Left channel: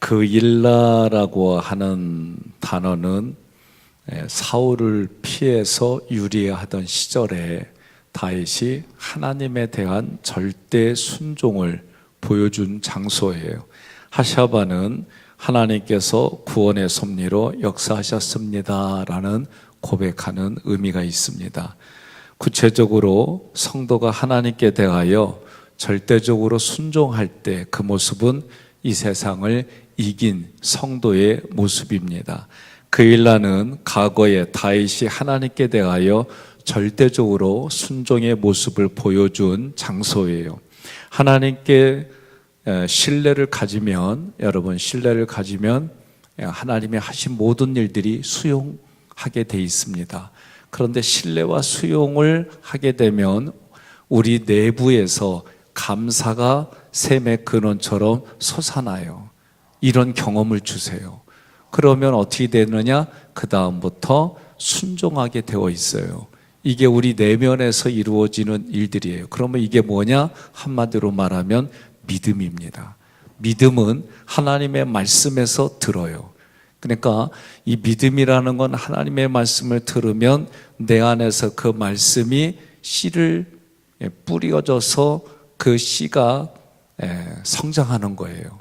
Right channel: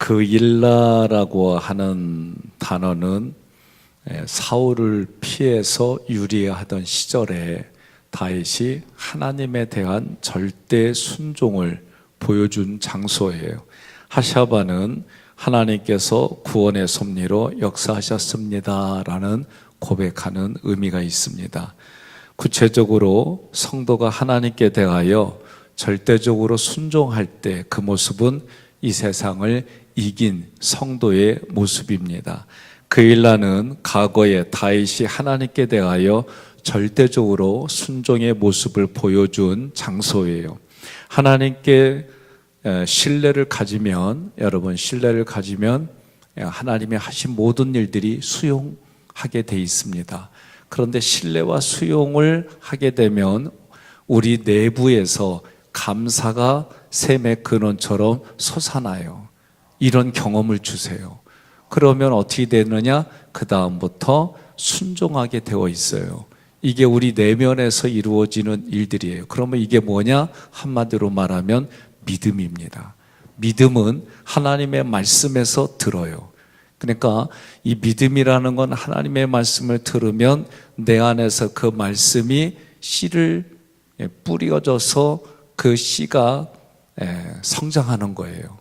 그일라라고 하는 단어는 사울을 피해서 유리하던 시절에 다윗이 하나님에 대한 절대 순종을 보여준 장소예요. 하샤바는 하나님께서 구원의 섭리로 역사하셨습니다라는 고백하는 의미가 있습니다. 구체적으로 성도가 하나님께 대하여 절대적으로 순종할 때 그 모습은 이 세상을 이긴 성도의 모습입니다. 그일라는 과거에 다윗이 하나님께 대하여 절대적으로 순종의 모습을 보여준 장소예요. 하나님께 신뢰를 가지면, 여러분 신뢰를 가지면 하나님의 하신 모든 일들이 수용하게 돼 있습니다. 그런데 신뢰와 수용을 하게 되면 우리 내부에서 감사가 샘의 근원처럼 솟아나요. 이런 경험을 주세요. 그러면 어떻게 되느냐? 그 다음부터 순종하게 되어 있어요. 이게 우리 내면에서 이루어지는 일들이에요. 그러면 이게 뭐냐? 한마디로 말하면 믿음입니다. 믿음은 하나님의 말씀에서 들어요. 그러니까 이 믿음이라는 건 하나님의 말씀을 들으면 내 안에서 그 말씀이 씨를 뿌려져서 그 씨가 성장하는 거예요.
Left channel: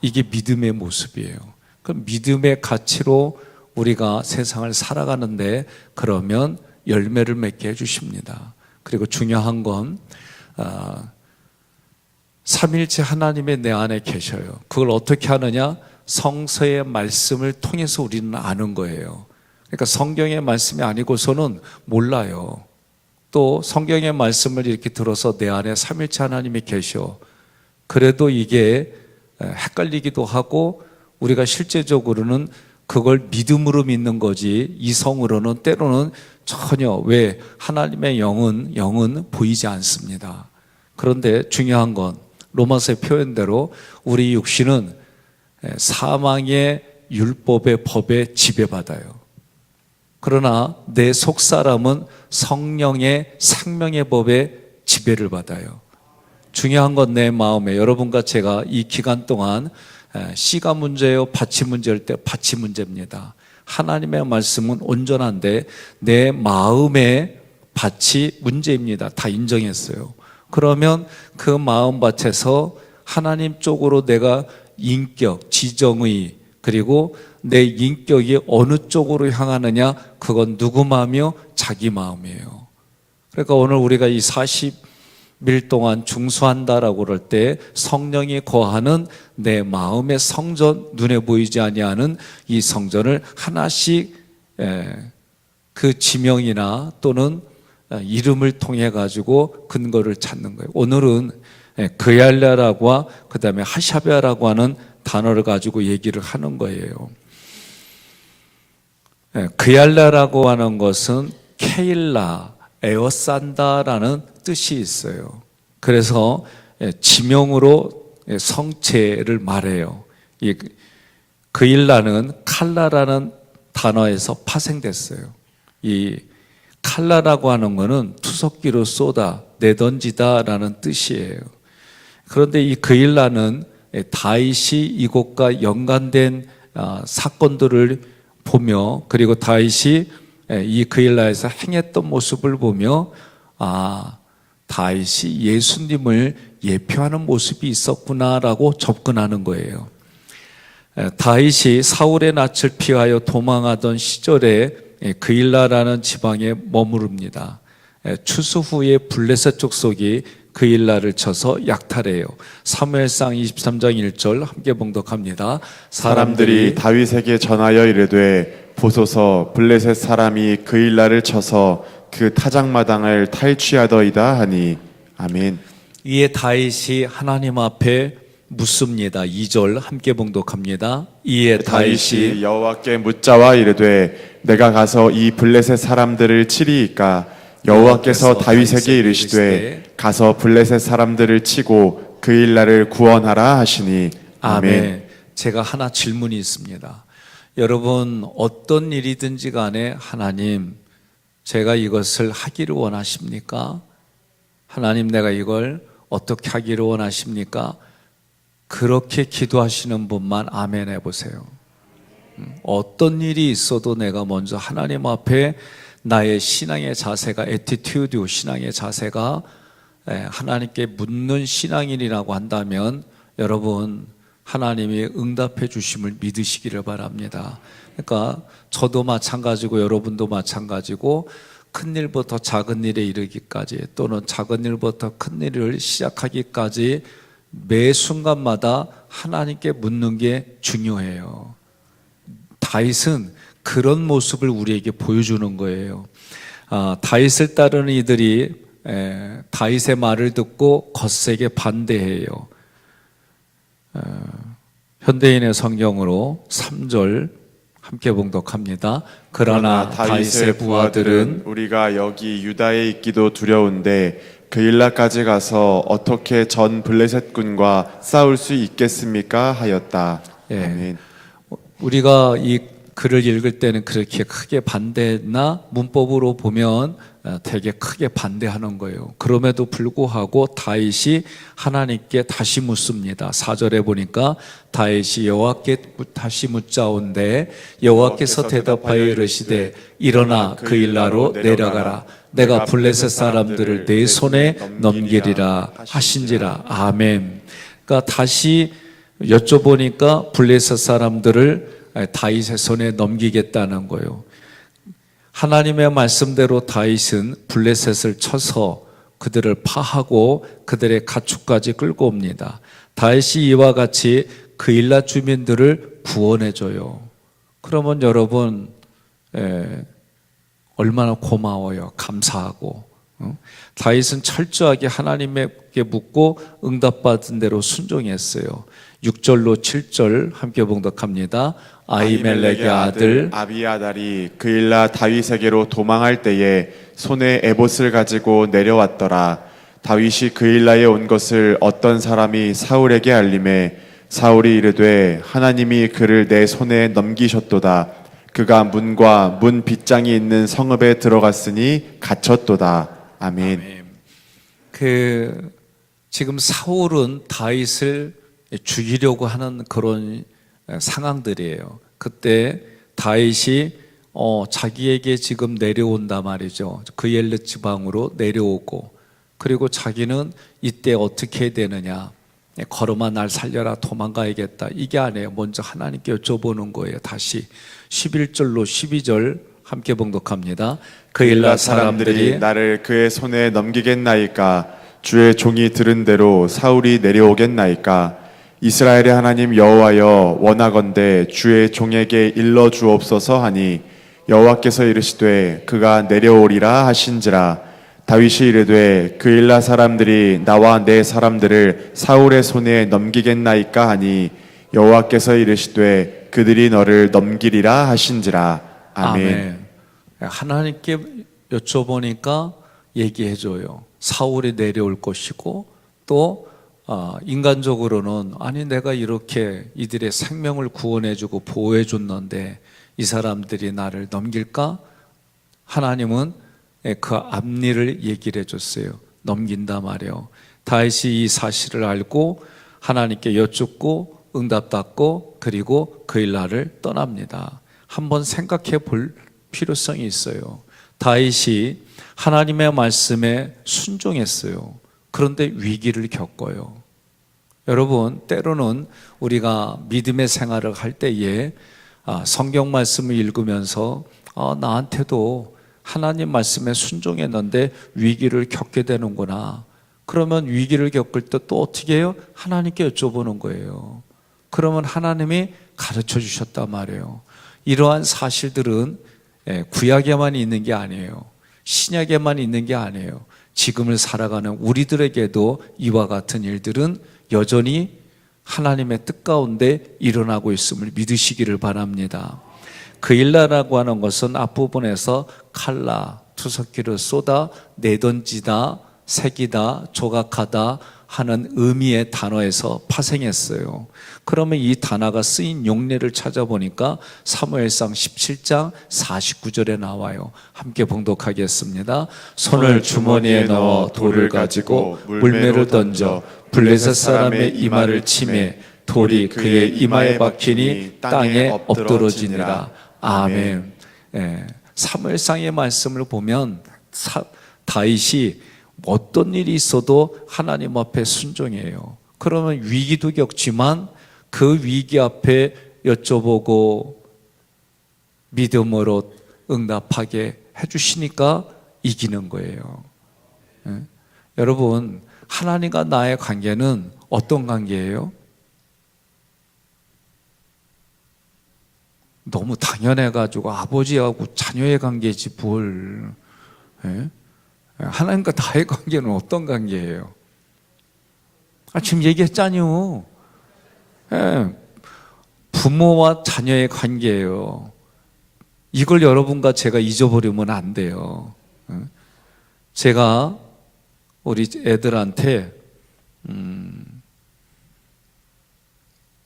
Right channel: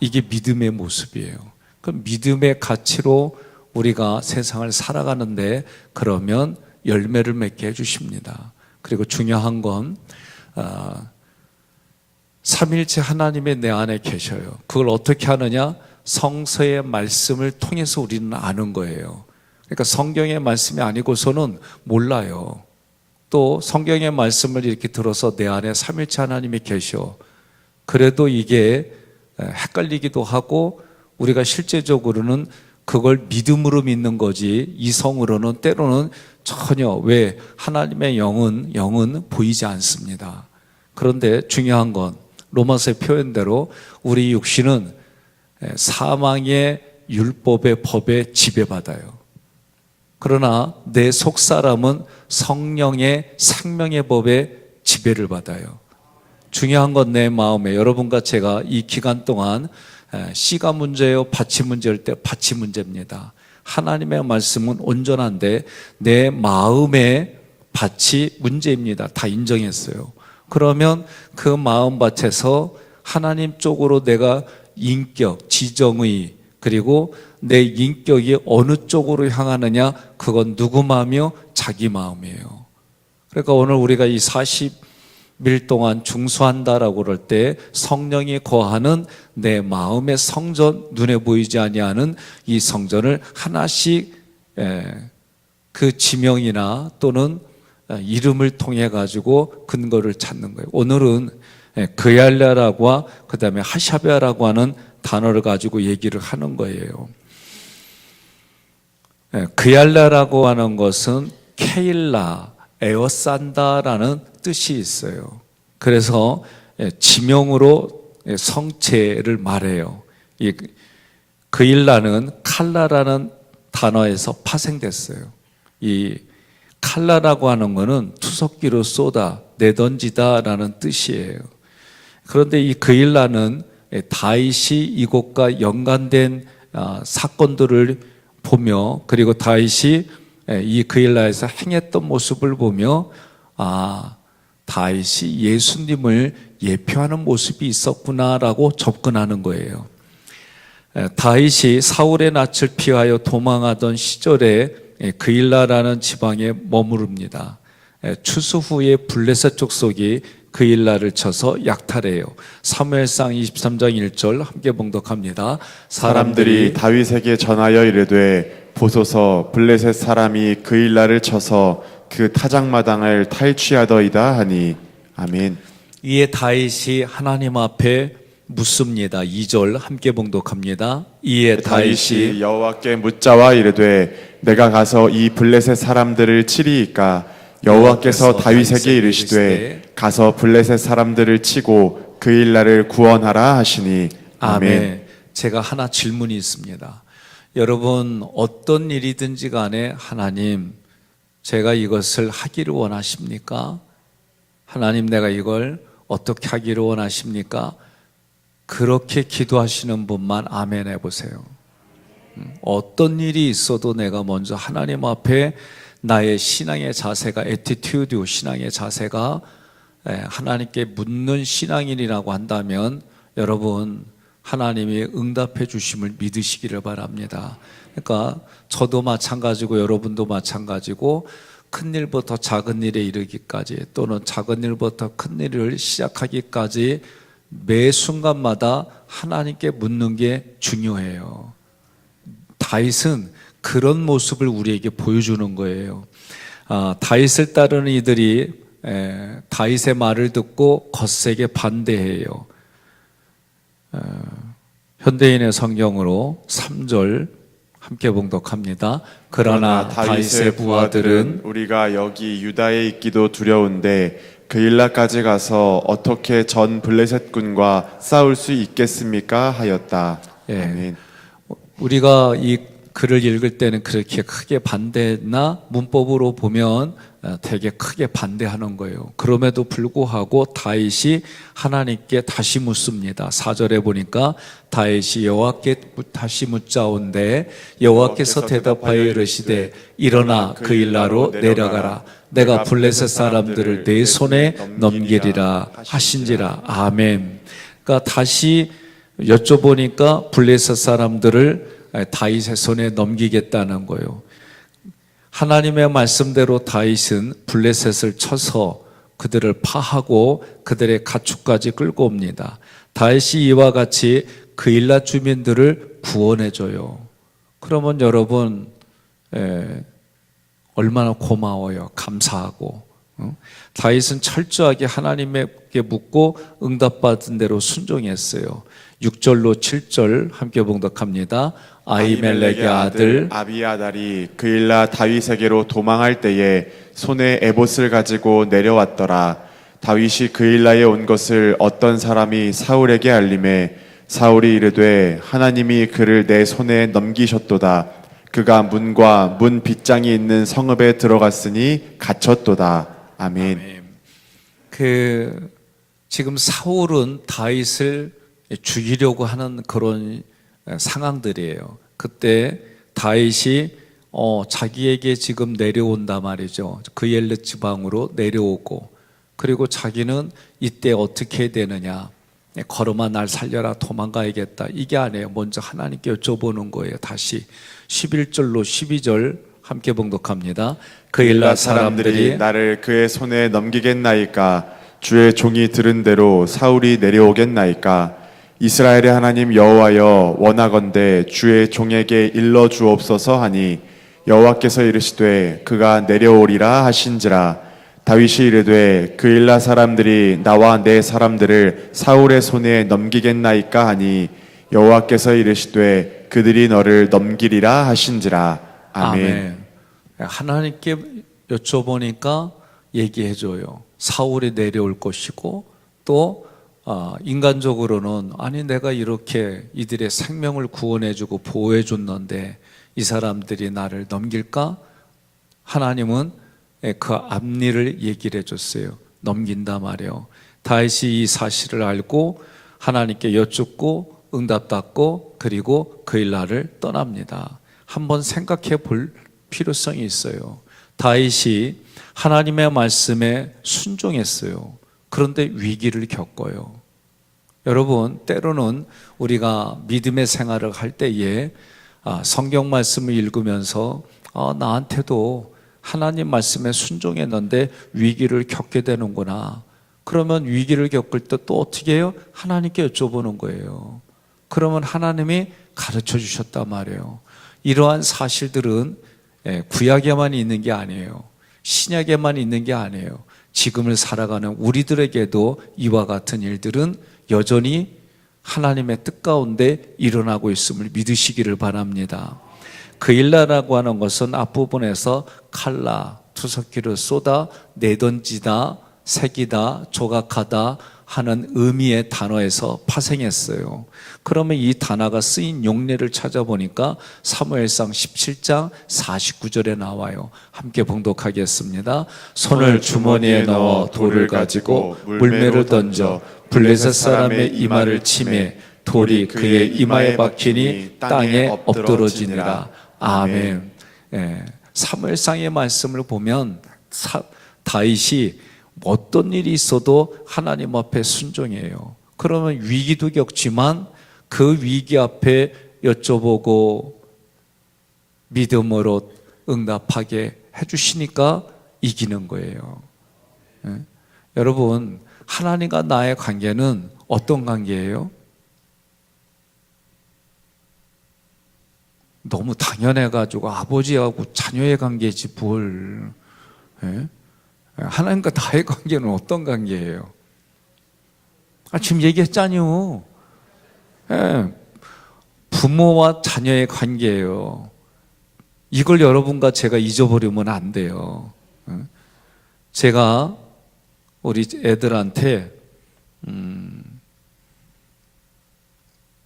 이게 믿음의 모습이에요. 그 믿음의 가치로 우리가 세상을 살아가는데 그러면 열매를 맺게 해주십니다. 그리고 중요한 건 삼일째 하나님의 내 안에 계셔요. 그걸 어떻게 하느냐? 성서의 말씀을 통해서 우리는 아는 거예요. 그러니까 성경의 말씀이 아니고서는 몰라요. 또 성경의 말씀을 이렇게 들어서 내 안에 삼일째 하나님이 계셔. 그래도 이게 헷갈리기도 하고 우리가 실제적으로는 그걸 믿음으로 믿는 거지 이성으로는 때로는 전혀 왜 하나님의 영은 보이지 않습니다. 그런데 중요한 건 로마서의 표현대로 우리 육신은 사망의 율법의 법에 지배받아요. 그러나 내 속사람은 성령의 생명의 법에 지배를 받아요. 중요한 건 내 마음에, 여러분과 제가 이 기간 동안 씨가 문제예요, 밭이 문제일 때 밭이 문제입니다. 하나님의 말씀은 온전한데 내 마음의 밭이 문제입니다. 다 인정했어요. 그러면 그 마음밭에서 하나님 쪽으로 내가 인격, 지정의, 그리고 내 인격이 어느 쪽으로 향하느냐, 그건 누구 마음이요? 자기 마음이에요. 그러니까 오늘 우리가 이 40일 동안 중수한다라고 그럴 때 성령이 거하는 내 마음의 성전, 눈에 보이지 아니하는 이 성전을 하나씩 그 지명이나 또는 이름을 통해 가지고 근거를 찾는 거예요. 오늘은 그얄랴라고 그 다음에 하샤베라고 하는 단어를 가지고 얘기를 하는 거예요. 그얄랴라고 하는 것은 케일라, 에워싼다라는 뜻이 있어요. 그래서 지명으로 성체를 말해요. 이 그일라는 칼라라는 단어에서 파생됐어요. 이 칼라라고 하는 것은 투석기로 쏟아 내던지다라는 뜻이에요. 그런데 이 그일라는 다윗이 이곳과 연관된 사건들을 보며, 그리고 다윗이 이 그일라에서 행했던 모습을 보며 다윗이 예수님을 예표하는 모습이 있었구나라고 접근하는 거예요. 다윗이 사울의 낯을 피하여 도망하던 시절에 그일라라는 지방에 머무릅니다. 추수 후에 블레셋 족속이 그일라를 쳐서 약탈해요. 사무엘상 23장 1절 함께 봉독합니다. 사람들이 다윗에게 전하여 이르되 보소서 블레셋 사람이 그일라를 쳐서 그 타작마당을 탈취하더이다 하니. 아멘. 이에 다윗이 하나님 앞에 묻습니다. 2절 함께 봉독합니다. 이에 다윗이 여호와께 묻자와 이르되 내가 가서 이 블레셋 사람들을 치리이까. 여호와께서 다윗에게 이르시되 가서 블레셋 사람들을 치고 그일라를 구원하라 하시니. 아멘. 제가 하나 질문이 있습니다. 여러분, 어떤 일이든지 간에 하나님, 제가 이것을 하기를 원하십니까? 하나님, 내가 이걸 어떻게 하기를 원하십니까? 그렇게 기도하시는 분만 아멘 해보세요. 어떤 일이 있어도 내가 먼저 하나님 앞에 나의 신앙의 자세가 에티튜드, 신앙의 자세가 하나님께 묻는 신앙인이라고 한다면 여러분 하나님이 응답해 주심을 믿으시기를 바랍니다. 그러니까 저도 마찬가지고 여러분도 마찬가지고 큰 일부터 작은 일에 이르기까지 또는 작은 일부터 큰 일을 시작하기까지 매 순간마다 하나님께 묻는 게 중요해요. 다윗은 그런 모습을 우리에게 보여주는 거예요. 다윗을 따르는 이들이 다윗의 말을 듣고 거세게 반대해요. 현대인의 성경으로 3절 함께 봉독합니다. 그러나 다윗의 부하들은 우리가 여기 유다에 있기도 두려운데 그일라까지 가서 어떻게 전 블레셋 군과 싸울 수 있겠습니까? 하였다. 예. 아멘. 우리가 이 글을 읽을 때는 그렇게 크게 반대나 문법으로 보면 되게 크게 반대하는 거예요. 그럼에도 불구하고 다윗이 하나님께 다시 묻습니다. 4절에 보니까 다윗이 여호와께 다시 묻자온데 여호와께서 대답하여 이르시되 일어나 그일라로 내려가라. 내가 블레셋 사람들을 내 손에 넘기리라 하신지라. 아멘. 그러니까 다시 여쭤보니까 블레셋 사람들을 다윗의 손에 넘기겠다는 거예요. 하나님의 말씀대로 다윗은 블레셋을 쳐서 그들을 파하고 그들의 가축까지 끌고 옵니다. 다윗이 이와 같이 그일라 주민들을 구원해줘요. 그러면 여러분 얼마나 고마워요. 감사하고. 다윗은 철저하게 하나님에게 묻고 응답받은 대로 순종했어요. 6절로 7절 함께 봉독합니다. 아히멜렉의 아들 아비아달이 그일라 다윗에게로 도망할 때에 손에 에봇을 가지고 내려왔더라. 다윗이 그일라에 온 것을 어떤 사람이 사울에게 알림해 사울이 이르되 하나님이 그를 내 손에 넘기셨도다. 그가 문과 문 빗장이 있는 성읍에 들어갔으니 갇혔도다. 아멘. 지금 사울은 다윗을 죽이려고 하는 그런 상황들이에요. 그때 다윗이 자기에게 지금 내려온다 말이죠. 그엘르 지방으로 내려오고 그리고 자기는 이때 어떻게 해야 되느냐. 걸어마 날 살려라 도망가야겠다. 이게 아니에요. 먼저 하나님께 여쭤보는 거예요. 다시 11절로 12절 함께 봉독합니다. 그일라 사람들이 나를 그의 손에 넘기겠나이까? 주의 종이 들은 대로 사울이 내려오겠나이까? 이스라엘의 하나님 여호와여 원하건대 주의 종에게 일러 주옵소서 하니 여호와께서 이르시되 그가 내려오리라 하신지라. 다윗이 이르되 그일라 사람들이 나와 내 사람들을 사울의 손에 넘기겠나이까 하니 여호와께서 이르시되 그들이 너를 넘기리라 하신지라. 아멘. 하나님께 여쭤보니까 얘기해줘요. 사울이 내려올 것이고 또 인간적으로는 아니 내가 이렇게 이들의 생명을 구원해주고 보호해줬는데 이 사람들이 나를 넘길까? 하나님은 그 앞일을 얘기를 해줬어요. 넘긴다 말이에요. 다윗이 이 사실을 알고 하나님께 여쭙고 응답받고 그리고 그일라를 떠납니다. 한번 생각해 볼 필요성이 있어요. 다윗이 하나님의 말씀에 순종했어요. 그런데 위기를 겪어요. 여러분 때로는 우리가 믿음의 생활을 할 때에 성경 말씀을 읽으면서 나한테도 하나님 말씀에 순종했는데 위기를 겪게 되는구나. 그러면 위기를 겪을 때 또 어떻게 해요? 하나님께 여쭤보는 거예요. 그러면 하나님이 가르쳐 주셨단 말이에요. 이러한 사실들은 구약에만 있는 게 아니에요. 신약에만 있는 게 아니에요. 지금을 살아가는 우리들에게도 이와 같은 일들은 여전히 하나님의 뜻 가운데 일어나고 있음을 믿으시기를 바랍니다. 그일라라고 하는 것은 앞부분에서 칼라, 투석기를 쏟아 내던지다, 새기다, 조각하다 하는 의미의 단어에서 파생했어요. 그러면 이 단어가 쓰인 용례를 찾아보니까 사무엘상 17장 49절에 나와요. 함께 봉독하겠습니다. 손을 주머니에 넣어 돌을 가지고 물매를 던져 블레셋 사람의 이마를 치매 돌이 그의 이마에 박히니 땅에 엎드러지니라. 아멘. 예, 사무엘상의 말씀을 보면 다윗이 어떤 일이 있어도 하나님 앞에 순종해요. 그러면 위기도 겪지만 그 위기 앞에 여쭤보고 믿음으로 응답하게 해주시니까 이기는 거예요. 예? 여러분, 하나님과 나의 관계는 어떤 관계예요? 너무 당연해가지고 아버지하고 자녀의 관계지 뭘. 예? 하나님과 나의 관계는 어떤 관계예요? 지금 얘기했잖요. 예, 부모와 자녀의 관계예요. 이걸 여러분과 제가 잊어버리면 안 돼요. 제가 우리 애들한테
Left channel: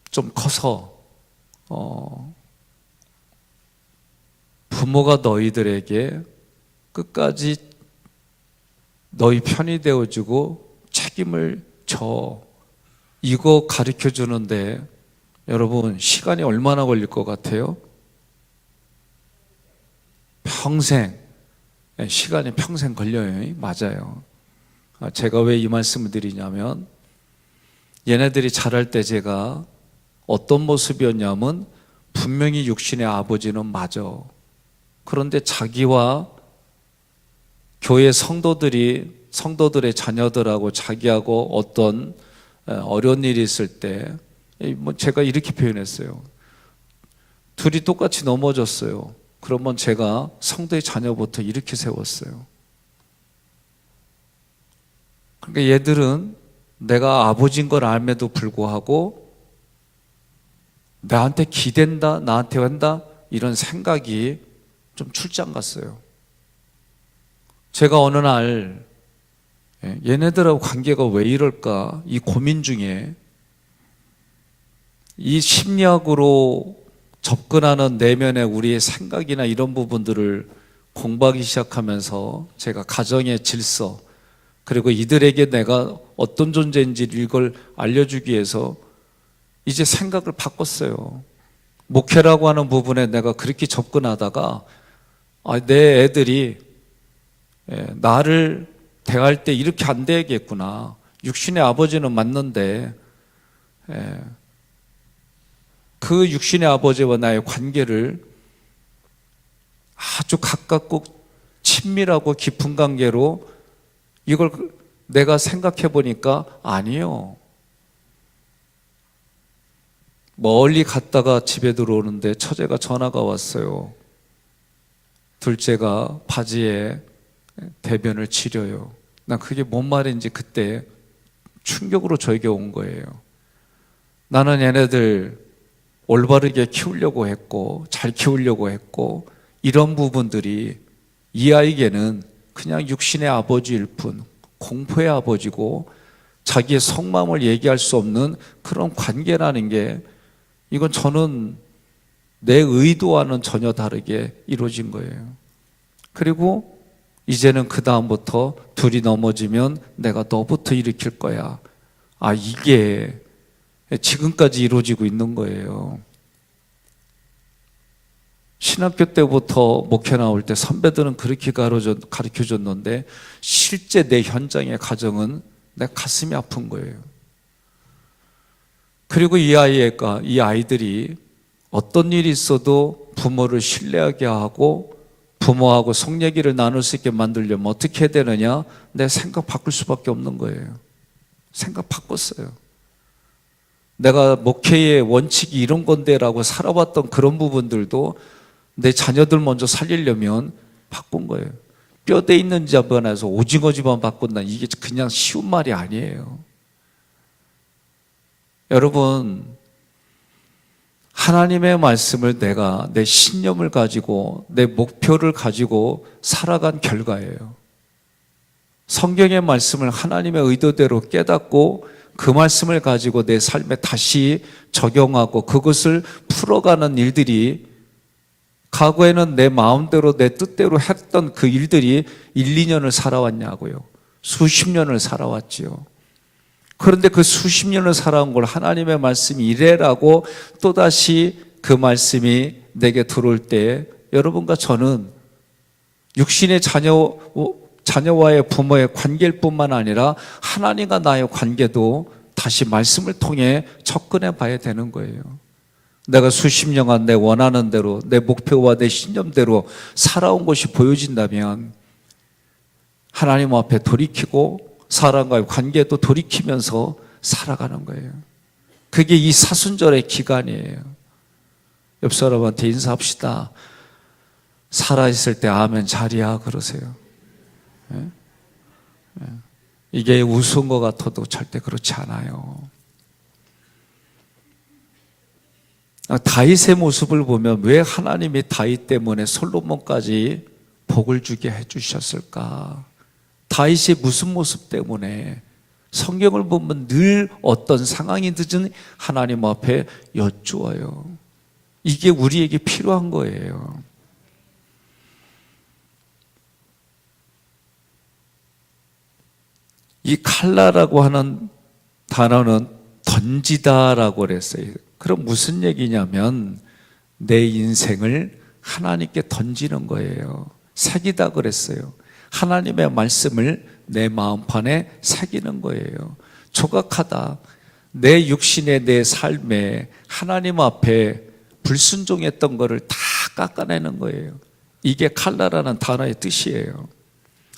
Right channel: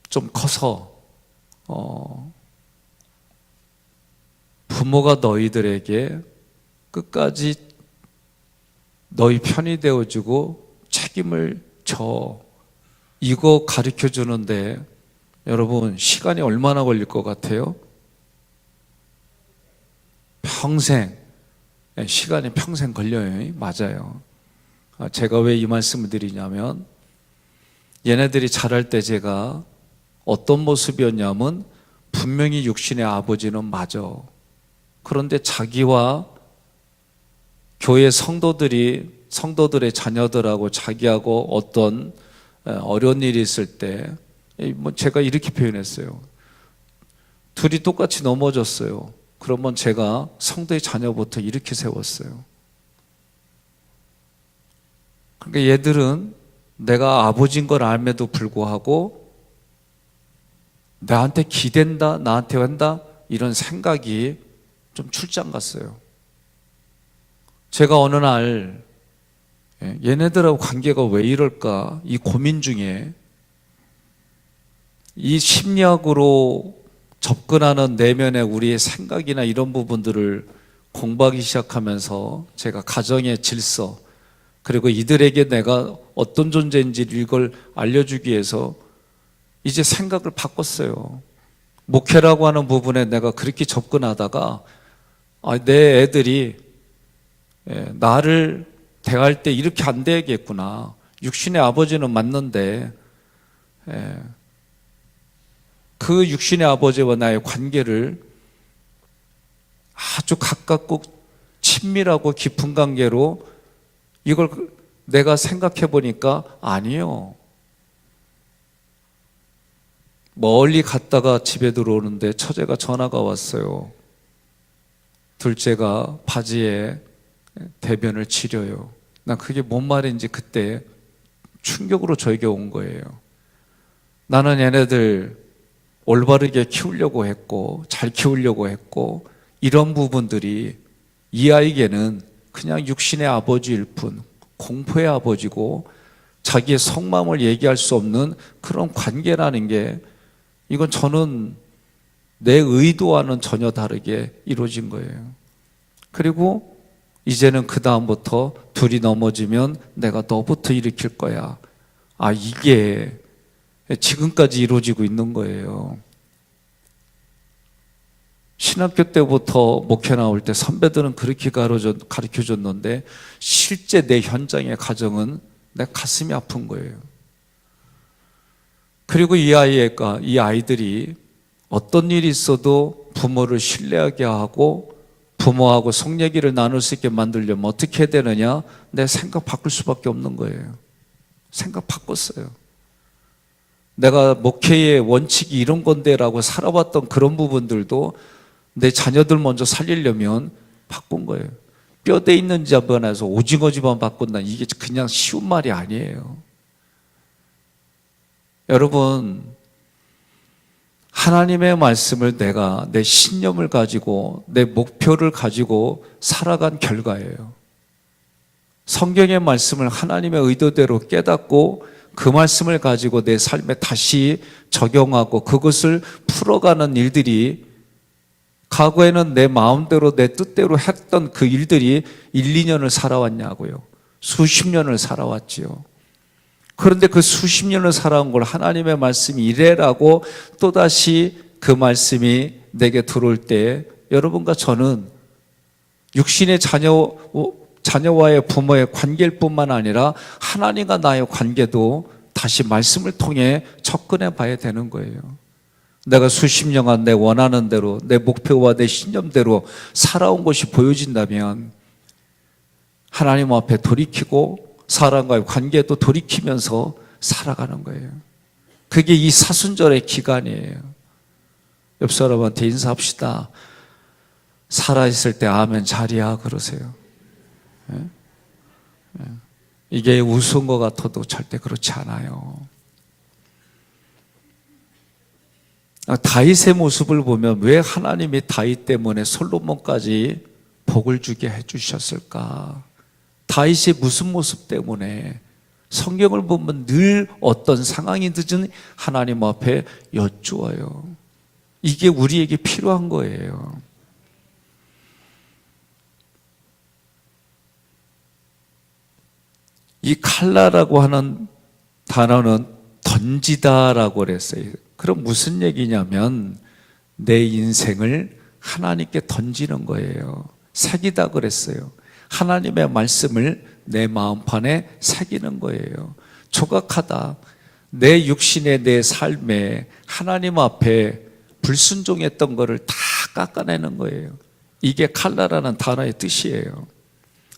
좀 커서 부모가 너희들에게 끝까지 너희 편이 되어주고 책임을 져. 이거 가르쳐 주는데 여러분 시간이 얼마나 걸릴 것 같아요? 평생. 시간이 평생 걸려요. 맞아요. 제가 왜 이 말씀을 드리냐면 얘네들이 자랄 때 제가 어떤 모습이었냐면 분명히 육신의 아버지는 맞아. 그런데 자기와 교회 성도들의 자녀들하고 자기하고 어떤 어려운 일이 있을 때 제가 이렇게 표현했어요. 둘이 똑같이 넘어졌어요. 그러면 제가 성도의 자녀부터 이렇게 세웠어요. 그러니까 얘들은 내가 아버지인 걸 알매도 불구하고 나한테 기댄다, 나한테 한다 이런 생각이 좀 출장 갔어요. 제가 어느 날 얘네들하고 관계가 왜 이럴까 이 고민 중에 이 심리학으로 접근하는 내면의 우리의 생각이나 이런 부분들을 공부하기 시작하면서 제가 가정의 질서 그리고 이들에게 내가 어떤 존재인지 이걸 알려주기 위해서 이제 생각을 바꿨어요. 목회라고 하는 부분에 내가 그렇게 접근하다가 내 애들이 나를 대할 때 이렇게 안 되겠구나. 육신의 아버지는 맞는데 그 육신의 아버지와 나의 관계를 아주 가깝고 친밀하고 깊은 관계로 이걸 내가 생각해 보니까 아니에요. 멀리 갔다가 집에 들어오는데 처제가 전화가 왔어요. 둘째가 바지에 대변을 지려요. 나 그게 뭔 말인지 그때 충격으로 저에게 온 거예요. 나는 얘네들 올바르게 키우려고 했고 잘 키우려고 했고 이런 부분들이 이 아이에게는 그냥 육신의 아버지일 뿐 공포의 아버지고 자기의 속마음을 얘기할 수 없는 그런 관계라는 게 이건 저는 내 의도와는 전혀 다르게 이루어진 거예요. 그리고 이제는 그 다음부터 둘이 넘어지면 내가 너부터 일으킬 거야. 이게 지금까지 이루어지고 있는 거예요. 신학교 때부터 목회 나올 때 선배들은 그렇게 가르쳐줬는데 실제 내 현장의 가정은 내 가슴이 아픈 거예요. 그리고 이 아이들이 어떤 일이 있어도 부모를 신뢰하게 하고 부모하고 속 얘기를 나눌 수 있게 만들려면 어떻게 해야 되느냐? 내 생각 바꿀 수밖에 없는 거예요. 생각 바꿨어요. 내가 목회의 원칙이 이런 건데라고 살아왔던 그런 부분들도 내 자녀들 먼저 살리려면 바꾼 거예요. 뼈대 있는 집안에서 오징어 집안 바꾼다. 이게 그냥 쉬운 말이 아니에요. 여러분, 하나님의 말씀을 내가 내 신념을 가지고 내 목표를 가지고 살아간 결과예요. 성경의 말씀을 하나님의 의도대로 깨닫고 그 말씀을 가지고 내 삶에 다시 적용하고 그것을 풀어가는 일들이, 과거에는 내 마음대로 내 뜻대로 했던 그 일들이 1, 2년을 살아왔냐고요. 수십 년을 살아왔지요. 그런데 그 수십 년을 살아온 걸 하나님의 말씀이 이래라고 또다시 그 말씀이 내게 들어올 때, 여러분과 저는 육신의 자녀와의 부모의 관계일 뿐만 아니라 하나님과 나의 관계도 다시 말씀을 통해 접근해 봐야 되는 거예요. 내가 수십 년간 내 원하는 대로, 내 목표와 내 신념대로 살아온 것이 보여진다면 하나님 앞에 돌이키고 사람과의 관계도 돌이키면서 살아가는 거예요. 그게 이 사순절의 기간이에요. 옆 사람한테 인사합시다. 살아있을 때 아멘 잘이야 그러세요. 이게 우스운 것 같아도 절대 그렇지 않아요. 다윗의 모습을 보면 왜 하나님이 다윗 때문에 솔로몬까지 복을 주게 해주셨을까? 다윗이 무슨 모습 때문에? 성경을 보면 늘 어떤 상황이든지 하나님 앞에 여쭈어요. 이게 우리에게 필요한 거예요. 이 칼라라고 하는 단어는 던지다라고 그랬어요. 그럼 무슨 얘기냐면 내 인생을 하나님께 던지는 거예요. 새기다 그랬어요. 하나님의 말씀을 내 마음판에 새기는 거예요. 조각하다. 내 육신의 내 삶에 하나님 앞에 불순종했던 거를 다 깎아내는 거예요. 이게 칼라라는 단어의 뜻이에요.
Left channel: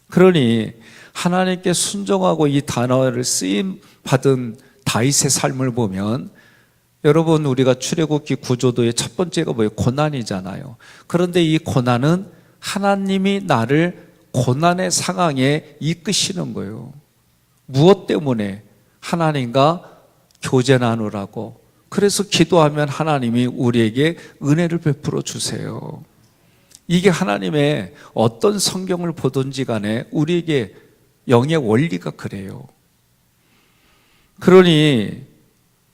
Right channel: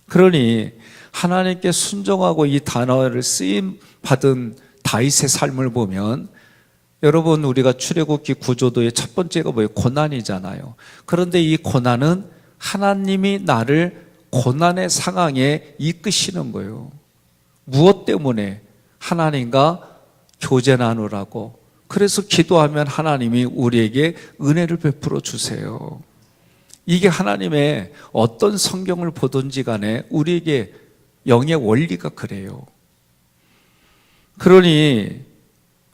그러니 하나님께 순종하고 이 단어를 쓰임 받은 다윗의 삶을 보면, 여러분 우리가 출애굽기 구조도의 첫 번째가 뭐예요? 고난이잖아요. 그런데 이 고난은 하나님이 나를 고난의 상황에 이끄시는 거예요. 무엇 때문에? 하나님과 교제 나누라고. 그래서 기도하면 하나님이 우리에게 은혜를 베풀어 주세요. 이게 하나님의 어떤 성경을 보든지 간에 우리에게 영의 원리가 그래요. 그러니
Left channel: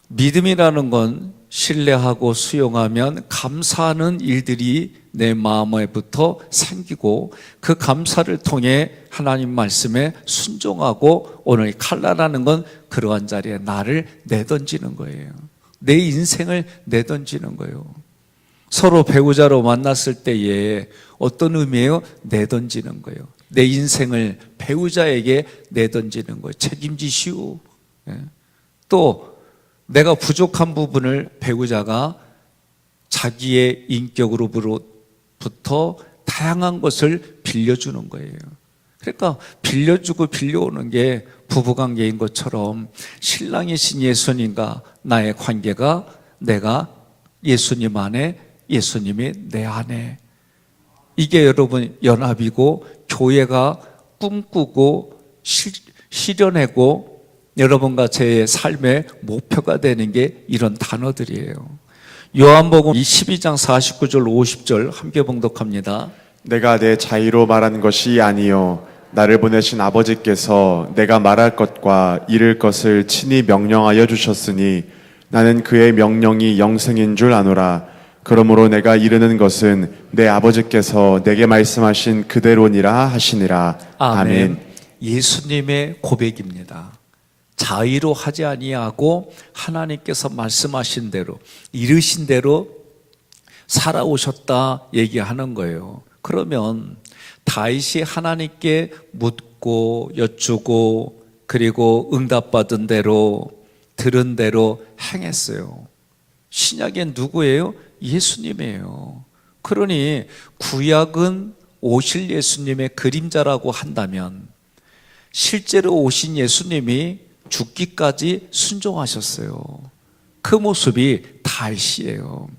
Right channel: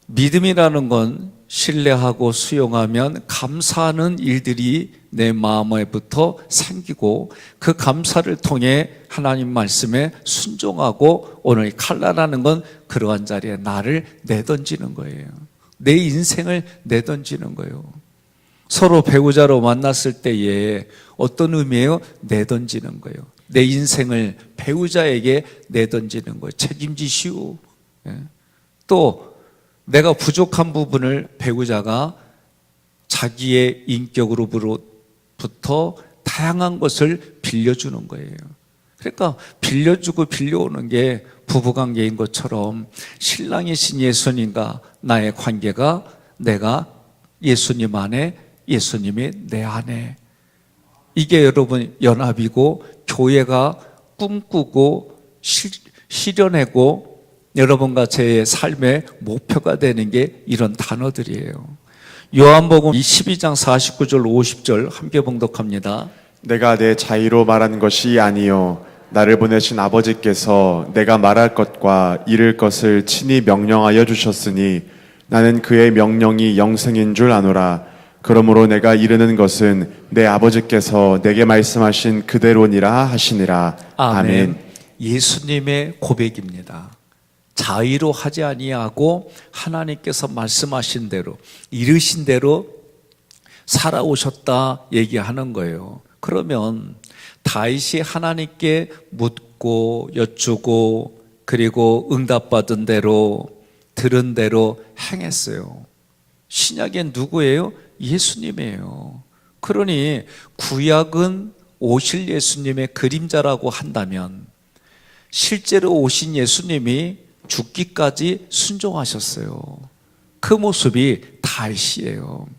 믿음이라는 건 신뢰하고 수용하면 감사하는 일들이 내 마음에부터 생기고, 그 감사를 통해 하나님 말씀에 순종하고, 오늘 칼라라는 건 그러한 자리에 나를 내던지는 거예요. 내 인생을 내던지는 거예요. 서로 배우자로 만났을 때에 어떤 의미예요? 내던지는 거예요. 내 인생을 배우자에게 내던지는 거예요. 책임지시오. 또 내가 부족한 부분을 배우자가 자기의 인격으로부터 다양한 것을 빌려주는 거예요. 그러니까 빌려주고 빌려오는 게 부부관계인 것처럼 신랑이신 예수님과 나의 관계가 내가 예수님 안에, 예수님이 내 안에, 이게 여러분 연합이고 교회가 꿈꾸고 실현하고 여러분과 제 삶의 목표가 되는 게 이런 단어들이에요. 요한복음 12장 49절 50절 함께 봉독합니다. 내가 내 자의로 말한 것이 아니요 나를 보내신 아버지께서 내가 말할 것과 이를 것을 친히 명령하여 주셨으니 나는 그의 명령이 영생인 줄 아노라. 그러므로 내가 이르는 것은 내 아버지께서 내게 말씀하신 그대로니라 하시니라. 아멘. 예수님의 고백입니다. 자의로 하지 아니하고 하나님께서 말씀하신 대로, 이르신 대로 살아오셨다 얘기하는 거예요. 그러면 다윗이 하나님께 묻고 여쭈고 그리고 응답받은 대로 들은 대로 행했어요. 신약엔 누구예요? 예수님이에요. 그러니 구약은 오실 예수님의 그림자라고 한다면 실제로 오신 예수님이 죽기까지 순종하셨어요. 그 모습이 다윗이에요.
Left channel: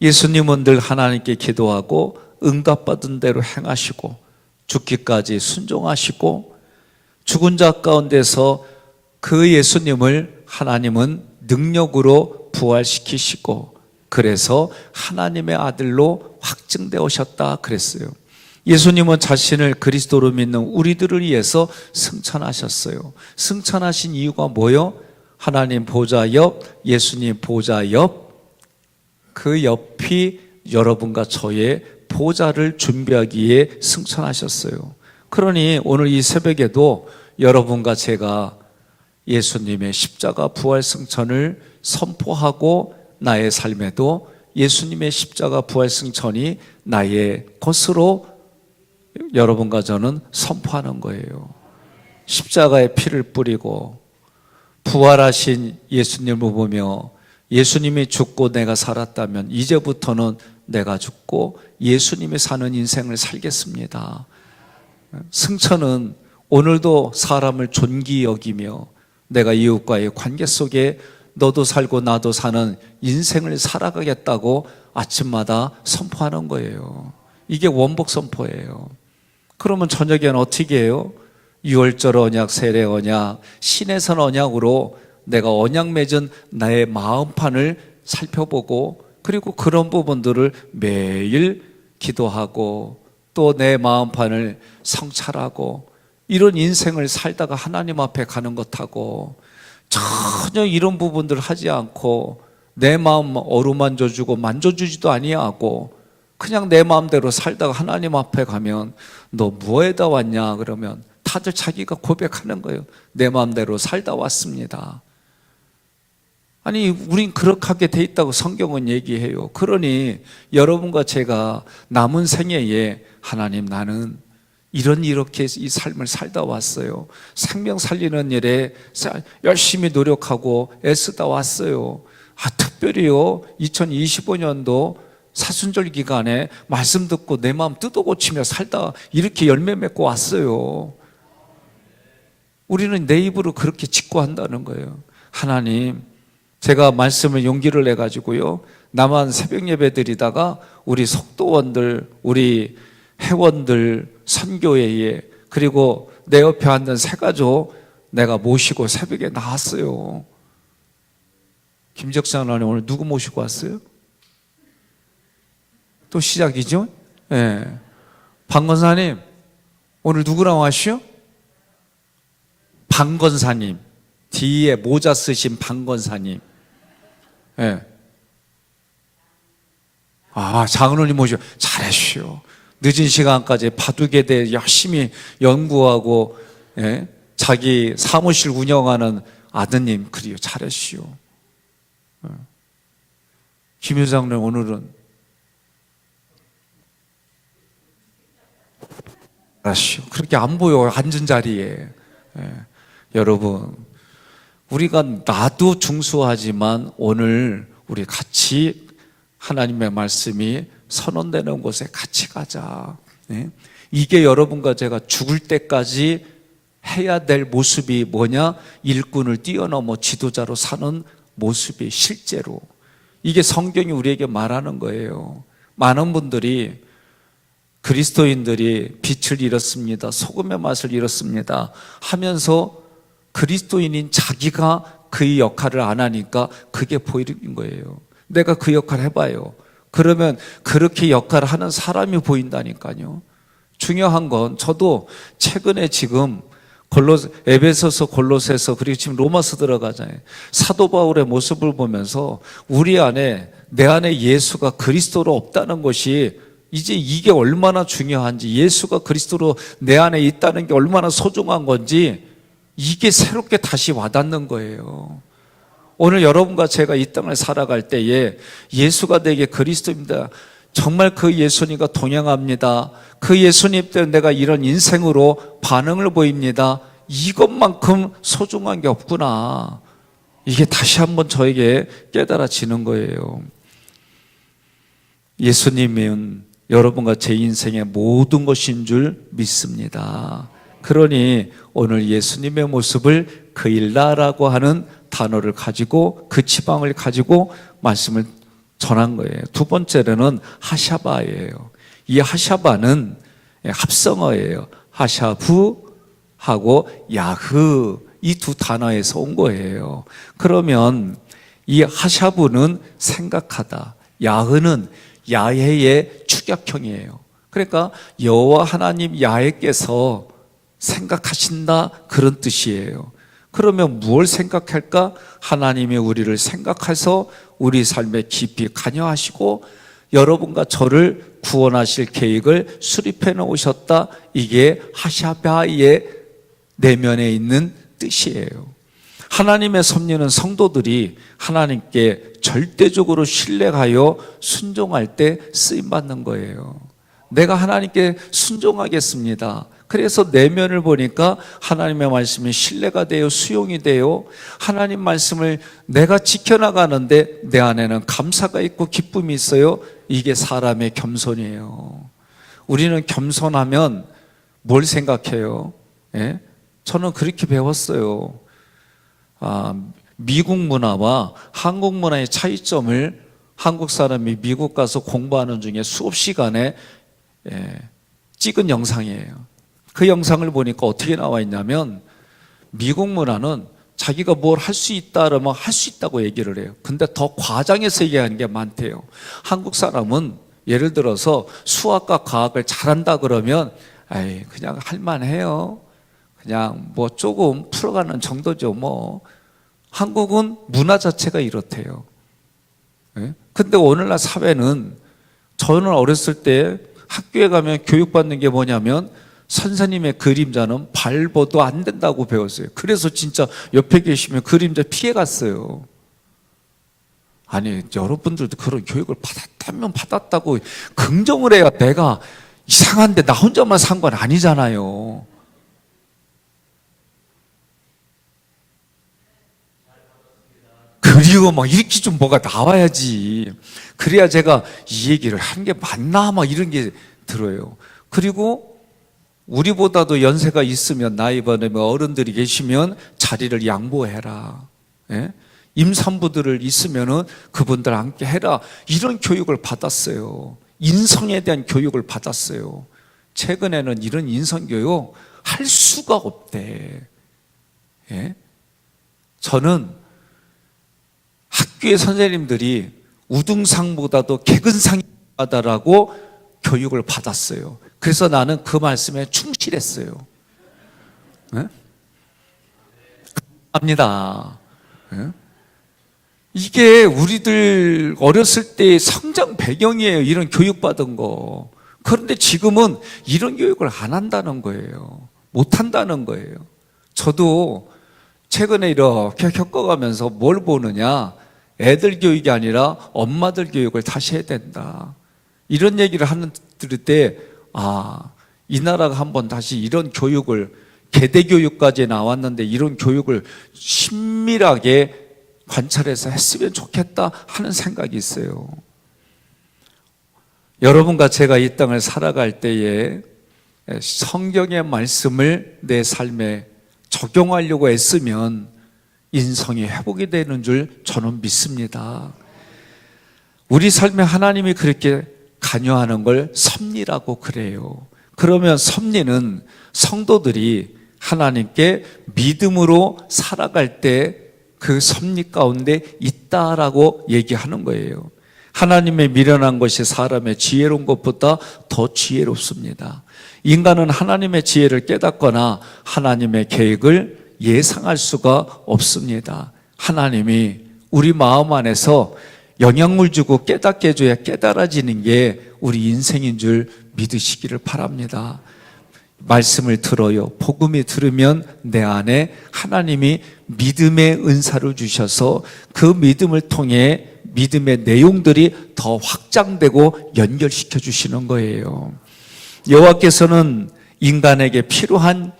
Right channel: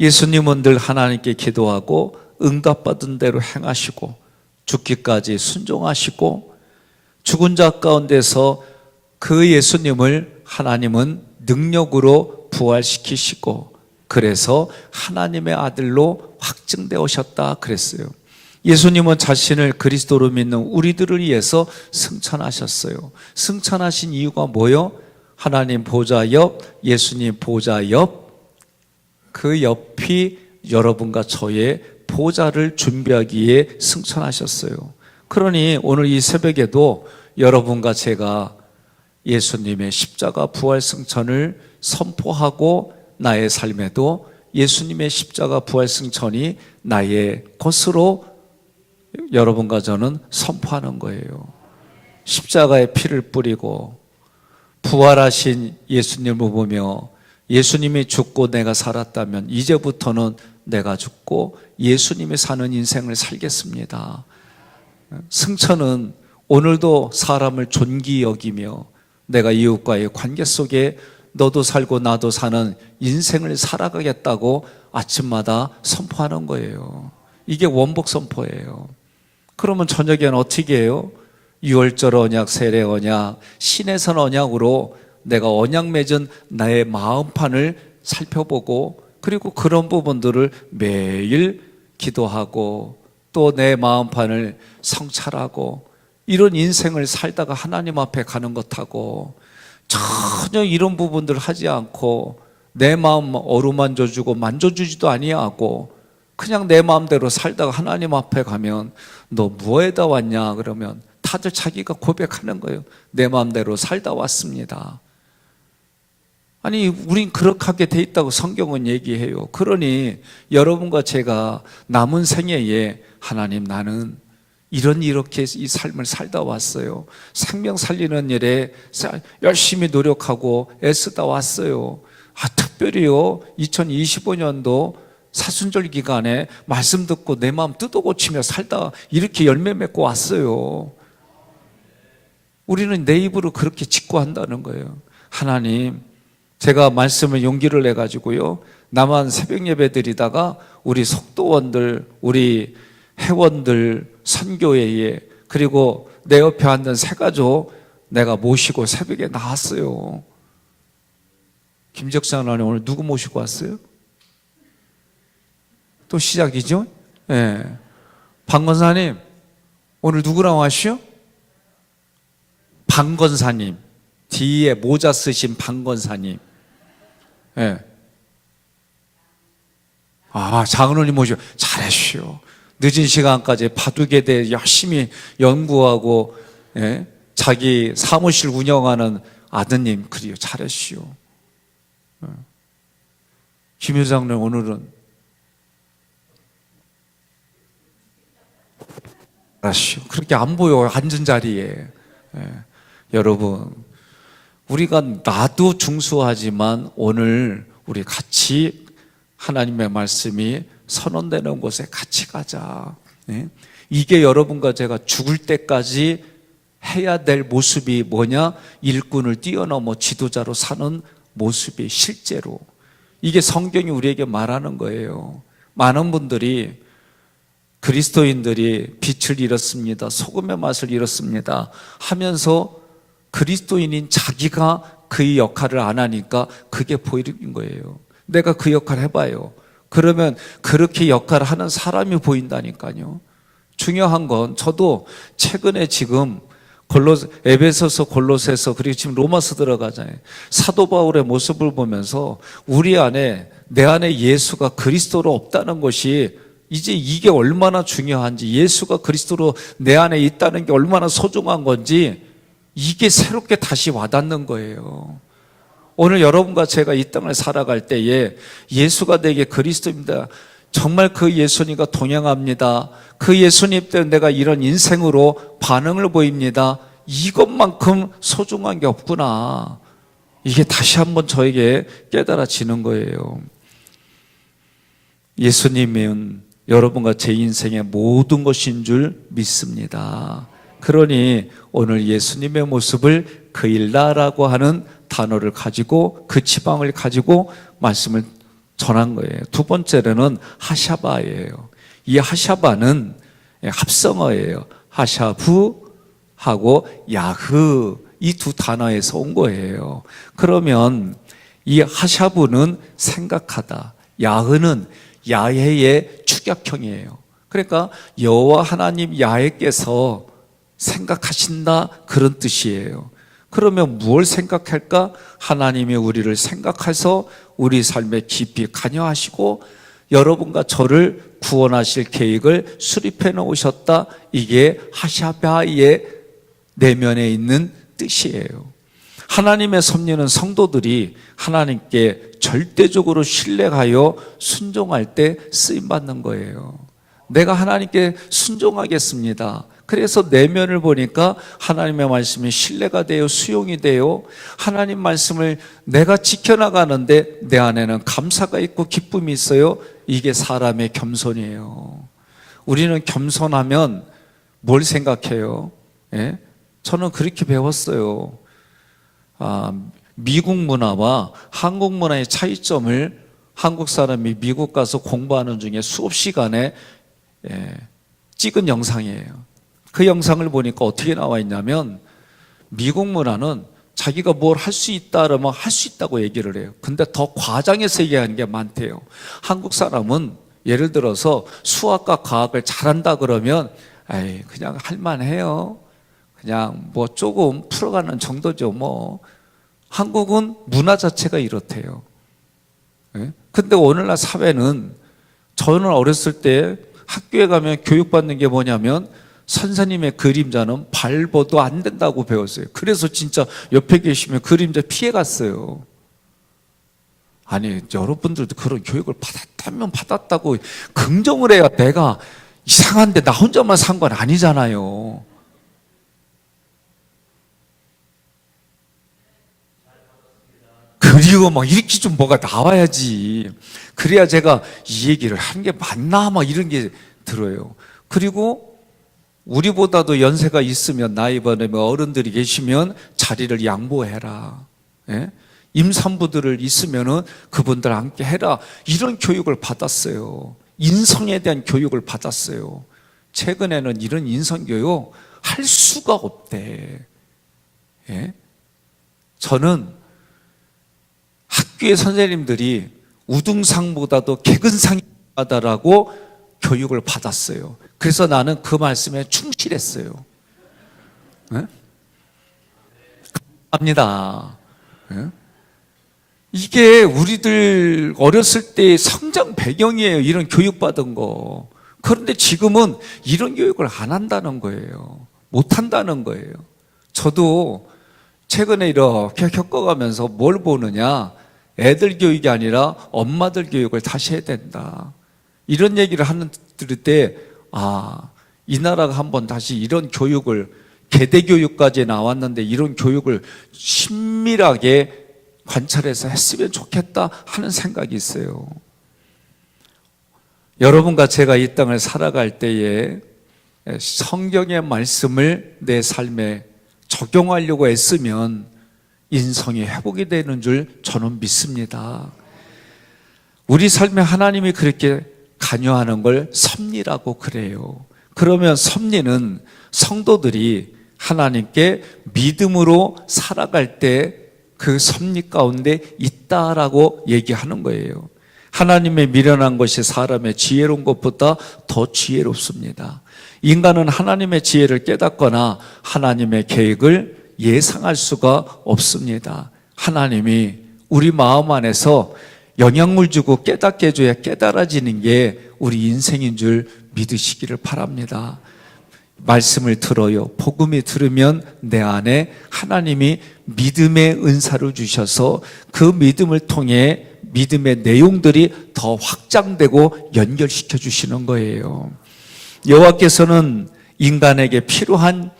예수님은 늘 하나님께 기도하고 응답받은 대로 행하시고 죽기까지 순종하시고, 죽은 자 가운데서 그 예수님을 하나님은 능력으로 부활시키시고, 그래서 하나님의 아들로 확증되어 오셨다 그랬어요. 예수님은 자신을 그리스도로 믿는 우리들을 위해서 승천하셨어요. 승천하신 이유가 뭐예요? 하나님 보좌 옆, 예수님 보좌 옆, 그 옆이 여러분과 저의 보좌를 준비하기에 승천하셨어요. 그러니 오늘 이 새벽에도 여러분과 제가 예수님의 십자가 부활 승천을 선포하고 나의 삶에도 예수님의 십자가 부활 승천이 나의 것으로 여러분과 저는 선포하는 거예요. 십자가의 피를 뿌리고 부활하신 예수님을 보며 예수님이 죽고 내가 살았다면 이제부터는 내가 죽고 예수님이 사는 인생을 살겠습니다. 승천은 오늘도 사람을 존귀 여기며 내가 이웃과의 관계 속에 너도 살고 나도 사는 인생을 살아가겠다고 아침마다 선포하는 거예요. 이게 원복 선포예요. 그러면 저녁에는 어떻게 해요? 유월절 언약, 세례 언약, 신해선 언약으로 내가 언약 맺은 나의 마음판을 살펴보고 그리고 그런 부분들을 매일 기도하고 또 내 마음판을 성찰하고 이런 인생을 살다가 하나님 앞에 가는 것하고 전혀 이런 부분들을 하지 않고 내 마음 어루만져주고 만져주지도 아니하고 그냥 내 마음대로 살다가 하나님 앞에 가면 너 뭐에다 왔냐 그러면 다들 자기가 고백하는 거예요. 내 마음대로 살다 왔습니다. 아니 우린 그렇게 하게 돼 있다고 성경은 얘기해요. 그러니 여러분과 제가 남은 생애에 하나님 나는 이렇게 이 삶을 살다 왔어요. 생명 살리는 일에 열심히 노력하고 애쓰다 왔어요. 특별히요 2025년도 사순절 기간에 말씀 듣고 내 마음 뜯어고치며 살다 이렇게 열매 맺고 왔어요. 우리는 내 입으로 그렇게 직구한다는 거예요. 하나님 제가 말씀을 용기를 내가지고요 나만 새벽 예배 드리다가 우리 속도원들 우리 회원들 선교회에 그리고 내 옆에 앉은 세 가족 내가 모시고 새벽에 나왔어요. 김적산 하나님 오늘 누구 모시고 왔어요? 또 시작이죠? 예. 네. 방건사님 오늘 누구랑 왔시요? 방건사님 뒤에 모자 쓰신 방건사님. 예. 네. 장로님 모시고 잘했시오. 늦은 시간까지 바둑에 대해 열심히 연구하고 예? 자기 사무실 운영하는 아드님 그리요 잘했시오. 김 회장님 오늘은 잘하시오. 그렇게 안 보여 앉은 자리에. 예. 여러분 우리가 나도 중수하지만 오늘 우리 같이 하나님의 말씀이 선언되는 곳에 같이 가자. 네? 이게 여러분과 제가 죽을 때까지 해야 될 모습이 뭐냐? 일꾼을 뛰어넘어 지도자로 사는 모습이 실제로. 이게 성경이 우리에게 말하는 거예요. 많은 분들이 그리스도인들이 빛을 잃었습니다. 소금의 맛을 잃었습니다. 하면서 그리스도인인 자기가 그의 역할을 안 하니까 그게 보이는 거예요. 내가 그 역할을 해봐요. 그러면 그렇게 역할을 하는 사람이 보인다니까요. 중요한 건 저도 최근에 지금 에베소서 골로새서 그리고 지금 로마서 들어가잖아요. 사도 바울의 모습을 보면서 우리 안에 내 안에 예수가 그리스도로 없다는 것이 이제 이게 얼마나 중요한지 예수가 그리스도로 내 안에 있다는 게 얼마나 소중한 건지 이게 새롭게 다시 와닿는 거예요. 오늘 여러분과 제가 이 땅을 살아갈 때에 예수가 내게 그리스도입니다. 정말 그 예수님과 동행합니다. 그 예수님 때문에 내가 이런 인생으로 반응을 보입니다. 이것만큼 소중한 게 없구나. 이게 다시 한번 저에게 깨달아지는 거예요. 예수님은 여러분과 제 인생의 모든 것인 줄 믿습니다. 그러니 오늘 예수님의 모습을 그일라라고 하는 단어를 가지고 그 지방을 가지고 말씀을 전한 거예요. 두 번째로는 하샤바예요. 이 하샤바는 합성어예요. 하샤부하고 야흐 이 두 단어에서 온 거예요. 그러면 이 하샤부는 생각하다, 야흐는 야해의 축약형이에요. 그러니까 여호와 하나님 야훼께서 생각하신다, 그런 뜻이에요. 그러면 무엇을 생각할까? 하나님이 우리를 생각해서 우리 삶에 깊이 관여하시고 여러분과 저를 구원하실 계획을 수립해 놓으셨다. 이게 하샤바의 내면에 있는 뜻이에요. 하나님의 섭리는 성도들이 하나님께 절대적으로 신뢰하여 순종할 때 쓰임받는 거예요. 내가 하나님께 순종하겠습니다. 그래서 내면을 보니까 하나님의 말씀이 신뢰가 되어 수용이 되어 하나님 말씀을 내가 지켜나가는데 내 안에는 감사가 있고 기쁨이 있어요. 이게 사람의 겸손이에요. 우리는 겸손하면 뭘 생각해요? 예? 저는 그렇게 배웠어요. 미국 문화와 한국 문화의 차이점을 한국 사람이 미국 가서 공부하는 중에 수업 시간에 찍은 영상이에요. 그 영상을 보니까 어떻게 나와 있냐면 미국 문화는 자기가 뭘 할 수 있다 그러면 할 수 있다고 얘기를 해요. 근데 더 과장해서 얘기하는 게 많대요. 한국 사람은 예를 들어서 수학과 과학을 잘한다 그러면 아이 그냥 할만해요. 그냥 뭐 조금 풀어가는 정도죠 뭐. 한국은 문화 자체가 이렇대요. 근데 오늘날 사회는 저는 어렸을 때 학교에 가면 교육받는 게 뭐냐면 선생님의 그림자는 밟아도 안 된다고 배웠어요. 그래서 진짜 옆에 계시면 그림자 피해갔어요. 아니 여러분들도 그런 교육을 받았다면 받았다고 긍정을 해야 내가 이상한데 나 혼자만 산 건 아니잖아요. 그리고 막 이렇게 좀 뭐가 나와야지. 그래야 제가 이 얘기를 한 게 맞나 막 이런 게 들어요. 그리고 우리보다도 연세가 있으면 나이 많으면 어른들이 계시면 자리를 양보해라. 예? 임산부들을 있으면은 그분들 함께 해라. 이런 교육을 받았어요. 인성에 대한 교육을 받았어요. 최근에는 이런 인성교육 할 수가 없대. 예? 저는 학교의 선생님들이 우등상보다도 개근상이 하다라고 교육을 받았어요. 그래서 나는 그 말씀에 충실했어요. 네? 합니다. 네? 이게 우리들 어렸을 때의 성장 배경이에요. 이런 교육받은 거. 그런데 지금은 이런 교육을 안 한다는 거예요. 못 한다는 거예요. 저도 최근에 이렇게 겪어가면서 뭘 보느냐. 애들 교육이 아니라 엄마들 교육을 다시 해야 된다. 이런 얘기를 들을 때 이 나라가 한번 다시 이런 교육을 계대교육까지 나왔는데 이런 교육을 신밀하게 관찰해서 했으면 좋겠다 하는 생각이 있어요. 여러분과 제가 이 땅을 살아갈 때에 성경의 말씀을 내 삶에 적용하려고 애쓰면 인성이 회복이 되는 줄 저는 믿습니다. 우리 삶에 하나님이 그렇게 관여하는 걸 섭리라고 그래요. 그러면 섭리는 성도들이 하나님께 믿음으로 살아갈 때 그 섭리 가운데 있다라고 얘기하는 거예요. 하나님의 미련한 것이 사람의 지혜로운 것보다 더 지혜롭습니다. 인간은 하나님의 지혜를 깨닫거나 하나님의 계획을 예상할 수가 없습니다. 하나님이 우리 마음 안에서 영향물 주고 깨닫게 해줘야 깨달아지는 게 우리 인생인 줄 믿으시기를 바랍니다. 말씀을 들어요. 복음이 들으면 내 안에 하나님이 믿음의 은사를 주셔서 그 믿음을 통해 믿음의 내용들이 더 확장되고 연결시켜 주시는 거예요. 여호와께서는 인간에게 필요한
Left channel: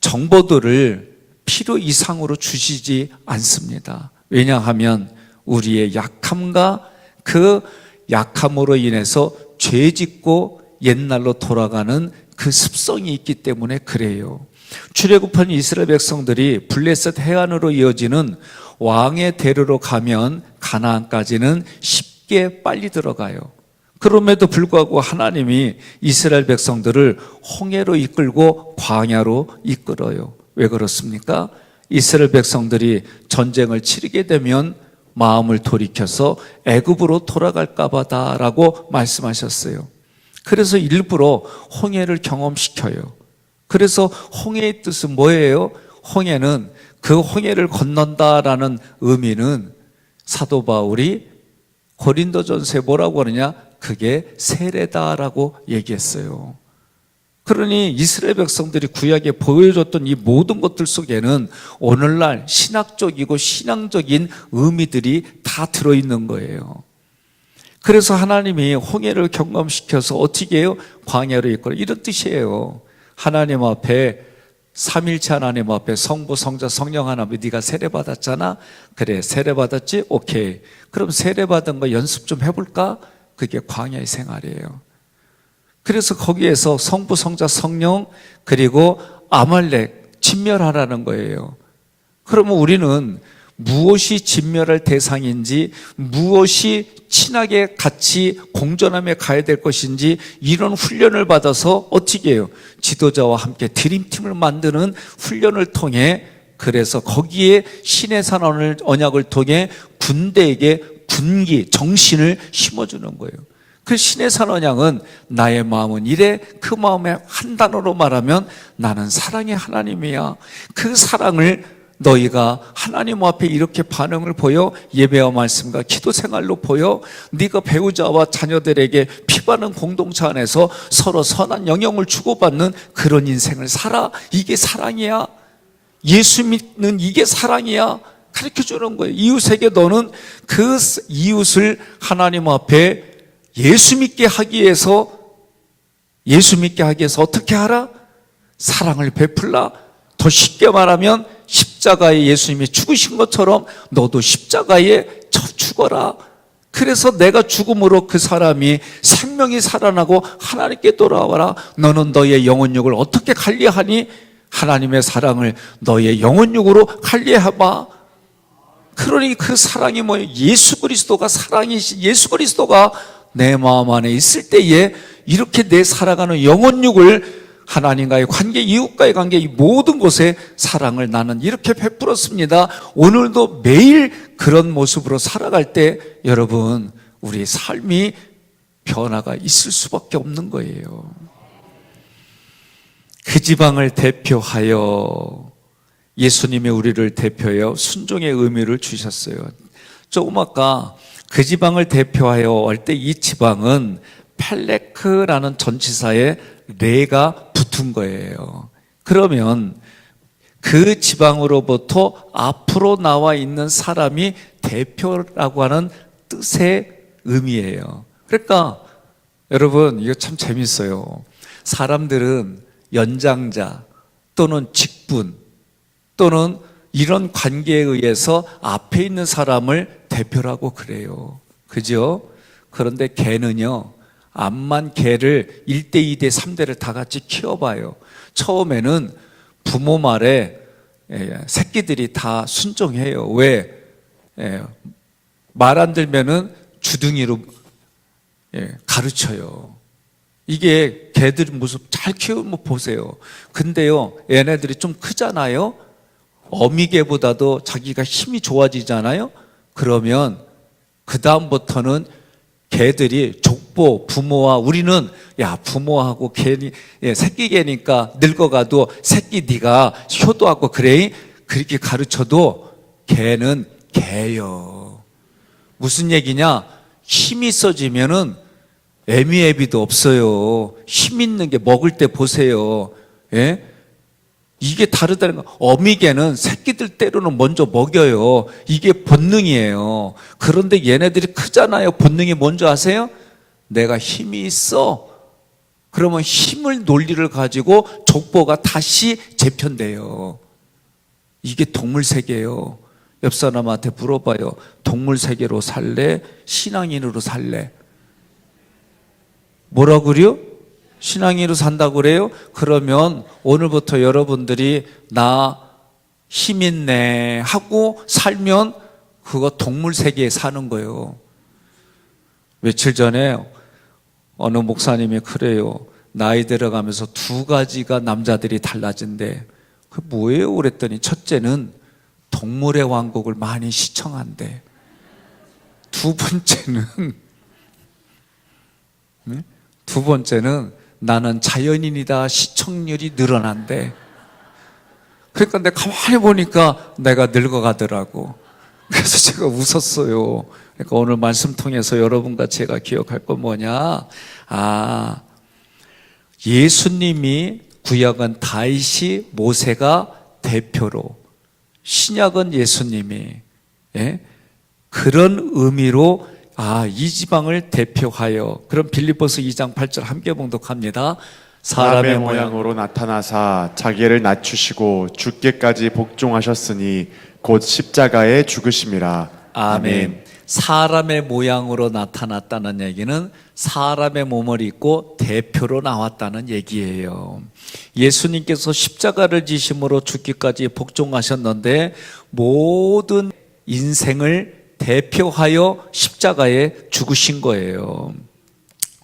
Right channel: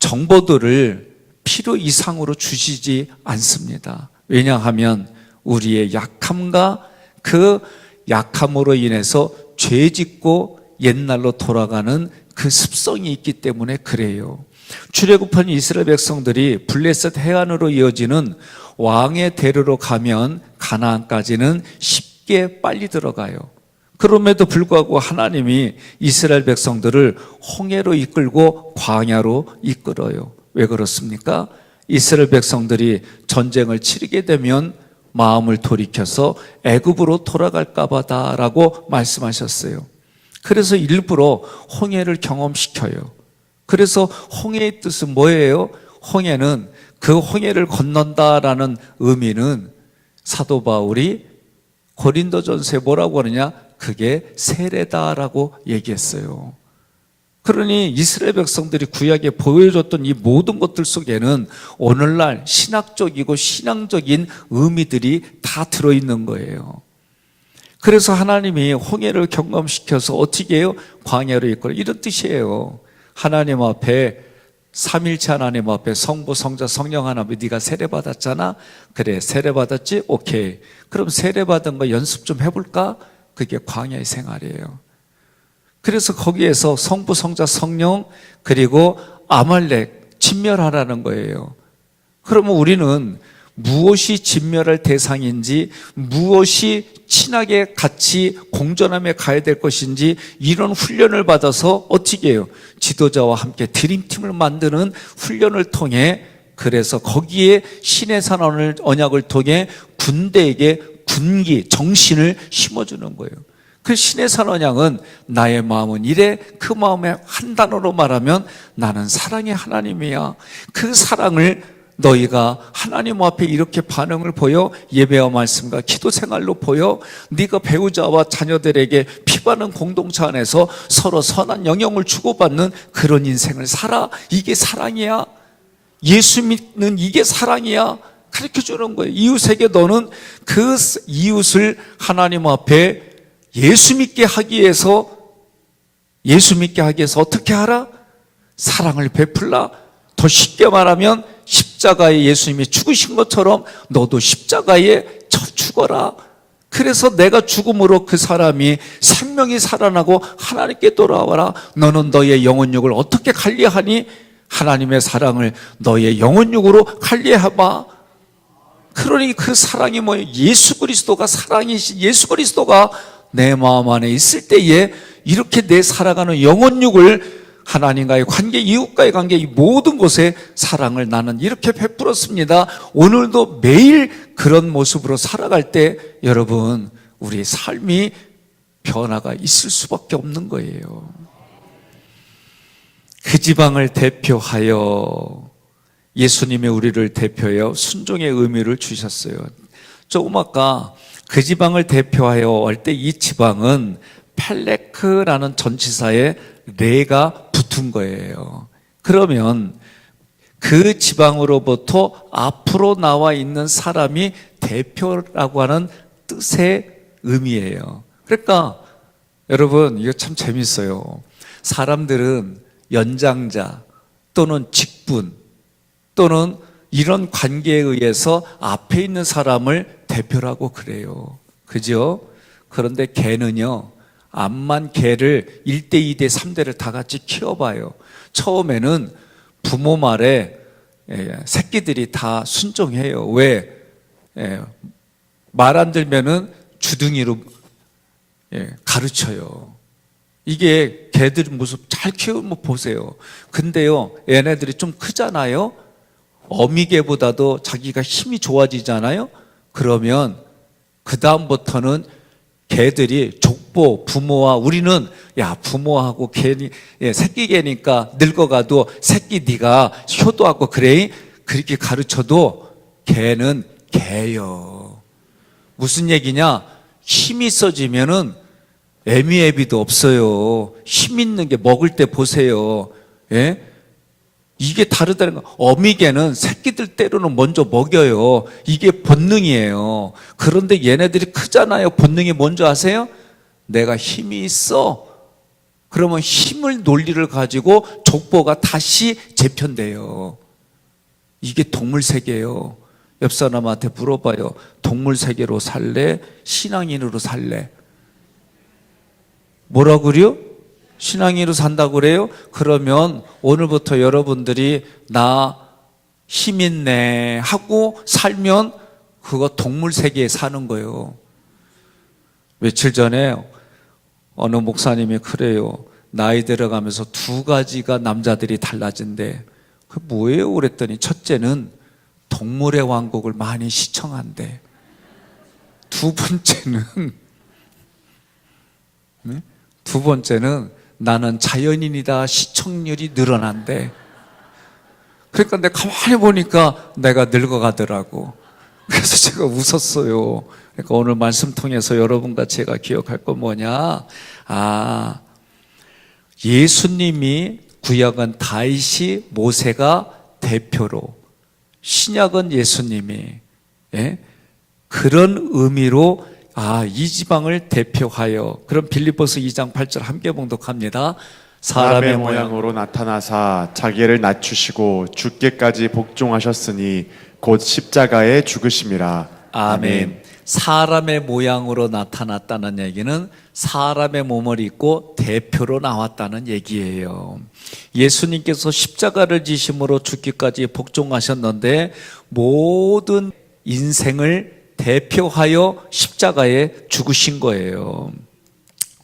정보들을 필요 이상으로 주시지 않습니다. 왜냐하면 우리의 약함과 그 약함으로 인해서 죄 짓고 옛날로 돌아가는 그 습성이 있기 때문에 그래요. 출애굽한 이스라엘 백성들이 블레셋 해안으로 이어지는 왕의 대로로 가면 가나안까지는 쉽게 빨리 들어가요. 그럼에도 불구하고 하나님이 이스라엘 백성들을 홍해로 이끌고 광야로 이끌어요. 왜 그렇습니까? 이스라엘 백성들이 전쟁을 치르게 되면 마음을 돌이켜서 애굽으로 돌아갈까 보다라고 말씀하셨어요. 그래서 일부러 홍해를 경험시켜요. 그래서 홍해의 뜻은 뭐예요? 홍해는 그 홍해를 건넌다라는 의미는 사도 바울이 고린도전서에 뭐라고 하느냐? 그게 세례다라고 얘기했어요. 그러니 이스라엘 백성들이 구약에 보여줬던 이 모든 것들 속에는 오늘날 신학적이고 신앙적인 의미들이 다 들어있는 거예요. 그래서 하나님이 홍해를 경험시켜서 어떻게 해요? 광야로 이끌어, 이런 뜻이에요. 하나님 앞에, 삼일체 하나님 앞에 성부, 성자, 성령 하나님, 네가 세례받았잖아? 그래, 세례받았지? 오케이. 그럼 세례받은 거 연습 좀 해볼까? 그게 광야의 생활이에요. 그래서 거기에서 성부, 성자, 성령, 그리고 아말렉 진멸하라는 거예요. 그러면 우리는 무엇이 진멸할 대상인지, 무엇이 친하게 같이 공존함에 가야 될 것인지, 이런 훈련을 받아서 어떻게 해요? 지도자와 함께 드림팀을 만드는 훈련을 통해, 그래서 거기에 신의 산 언약을 통해 군대에게 군기, 정신을 심어주는 거예요. 그 신의 산 언약은 나의 마음은 이래, 그 마음에 한 단어로 말하면 나는 사랑의 하나님이야. 그 사랑을 너희가 하나님 앞에 이렇게 반응을 보여, 예배와 말씀과 기도 생활로 보여, 네가 배우자와 자녀들에게 피바는 공동체 안에서 서로 선한 영향을 주고받는 그런 인생을 살아. 이게 사랑이야. 예수 믿는 이게 사랑이야. 가르쳐주는 거예요. 이웃에게 너는 그 이웃을 하나님 앞에 예수 믿게 하기 위해서 어떻게 하라? 사랑을 베풀라. 더 쉽게 말하면 십자가에 예수님이 죽으신 것처럼 너도 십자가에 죽어라. 그래서 내가 죽음으로 그 사람이 생명이 살아나고 하나님께 돌아와라. 너는 너의 영혼육을 어떻게 관리하니? 하나님의 사랑을 너의 영혼육으로 관리해봐. 그러니 그 사랑이 뭐예요? 예수 그리스도가 사랑이신 예수 그리스도가 내 마음 안에 있을 때에 이렇게 내 살아가는 영혼육을 하나님과의 관계, 이웃과의 관계, 이 모든 곳에 사랑을 나는 이렇게 베풀었습니다. 오늘도 매일 그런 모습으로 살아갈 때 여러분, 우리 삶이 변화가 있을 수밖에 없는 거예요. 그 지방을 대표하여 예수님이 우리를 대표하여 순종의 의미를 주셨어요. 조금 아까 그 지방을 대표하여 할 때 이 지방은 펠레크라는 전치사에 레가 붙은 거예요. 그러면 그 지방으로부터 앞으로 나와 있는 사람이 대표라고 하는 뜻의 의미예요. 그러니까 여러분, 이거 참 재밌어요. 사람들은 연장자 또는 직분 또는 이런 관계에 의해서 앞에 있는 사람을 대표라고 그래요. 그죠? 그런데 개는요, 암만 개를 1대, 2대, 3대를 다 같이 키워봐요. 처음에는 부모 말에 새끼들이 다 순종해요. 왜? 말 안 들면은 주둥이로 가르쳐요. 이게 개들 모습 잘 키우면 보세요. 근데요, 얘네들이 좀 크잖아요? 어미개보다도 자기가 힘이 좋아지잖아요? 그러면 그 다음부터는 개들이 족보, 부모와 우리는 야 부모하고 개니 새끼 개니까 늙어가도 새끼 네가 효도하고 그래 그렇게 가르쳐도 개는 개요. 무슨 얘기냐? 힘이 있어지면은 애미애비도 없어요. 힘 있는 게 먹을 때 보세요. 예? 이게 다르다는 거. 어미개는 새끼들 때로는 먼저 먹여요. 이게 본능이에요. 그런데 얘네들이 크잖아요. 본능이 뭔지 아세요? 내가 힘이 있어. 그러면 힘을 논리를 가지고 족보가 다시 재편돼요. 이게 동물 세계예요. 옆 사람한테 물어봐요. 동물 세계로 살래? 신앙인으로 살래? 뭐라 그래요? 신앙인으로 산다고 그래요? 그러면 오늘부터 여러분들이 나 힘 있네 하고 살면 그거 동물 세계에 사는 거예요. 며칠 전에 어느 목사님이 그래요. 나이 들어가면서 2가지가 남자들이 달라진대. 그 뭐예요? 그랬더니 첫째는 동물의 왕국을 많이 시청한대. 두 번째는 두 번째는 나는 자연인이다. 시청률이 늘어난대. 그러니까 내가 가만히 보니까 내가 늙어가더라고. 그래서 제가 웃었어요. 그러니까 오늘 말씀 통해서 여러분과 제가 기억할 건 뭐냐? 예수님이 구약은 다윗이 모세가 대표로, 신약은 예수님이, 예? 그런 의미로 이 지방을 대표하여, 그럼 빌립보서 2장 8절 함께 봉독합니다. 사람의 모양으로 나타나사 자기를 낮추시고 죽기까지 복종하셨으니 곧 십자가에 죽으심이라. 아멘. 사람의 모양으로 나타났다는 얘기는 사람의 몸을 입고 대표로 나왔다는 얘기예요. 예수님께서 십자가를 지심으로 죽기까지 복종하셨는데 모든 인생을 대표하여 십자가에 죽으신 거예요.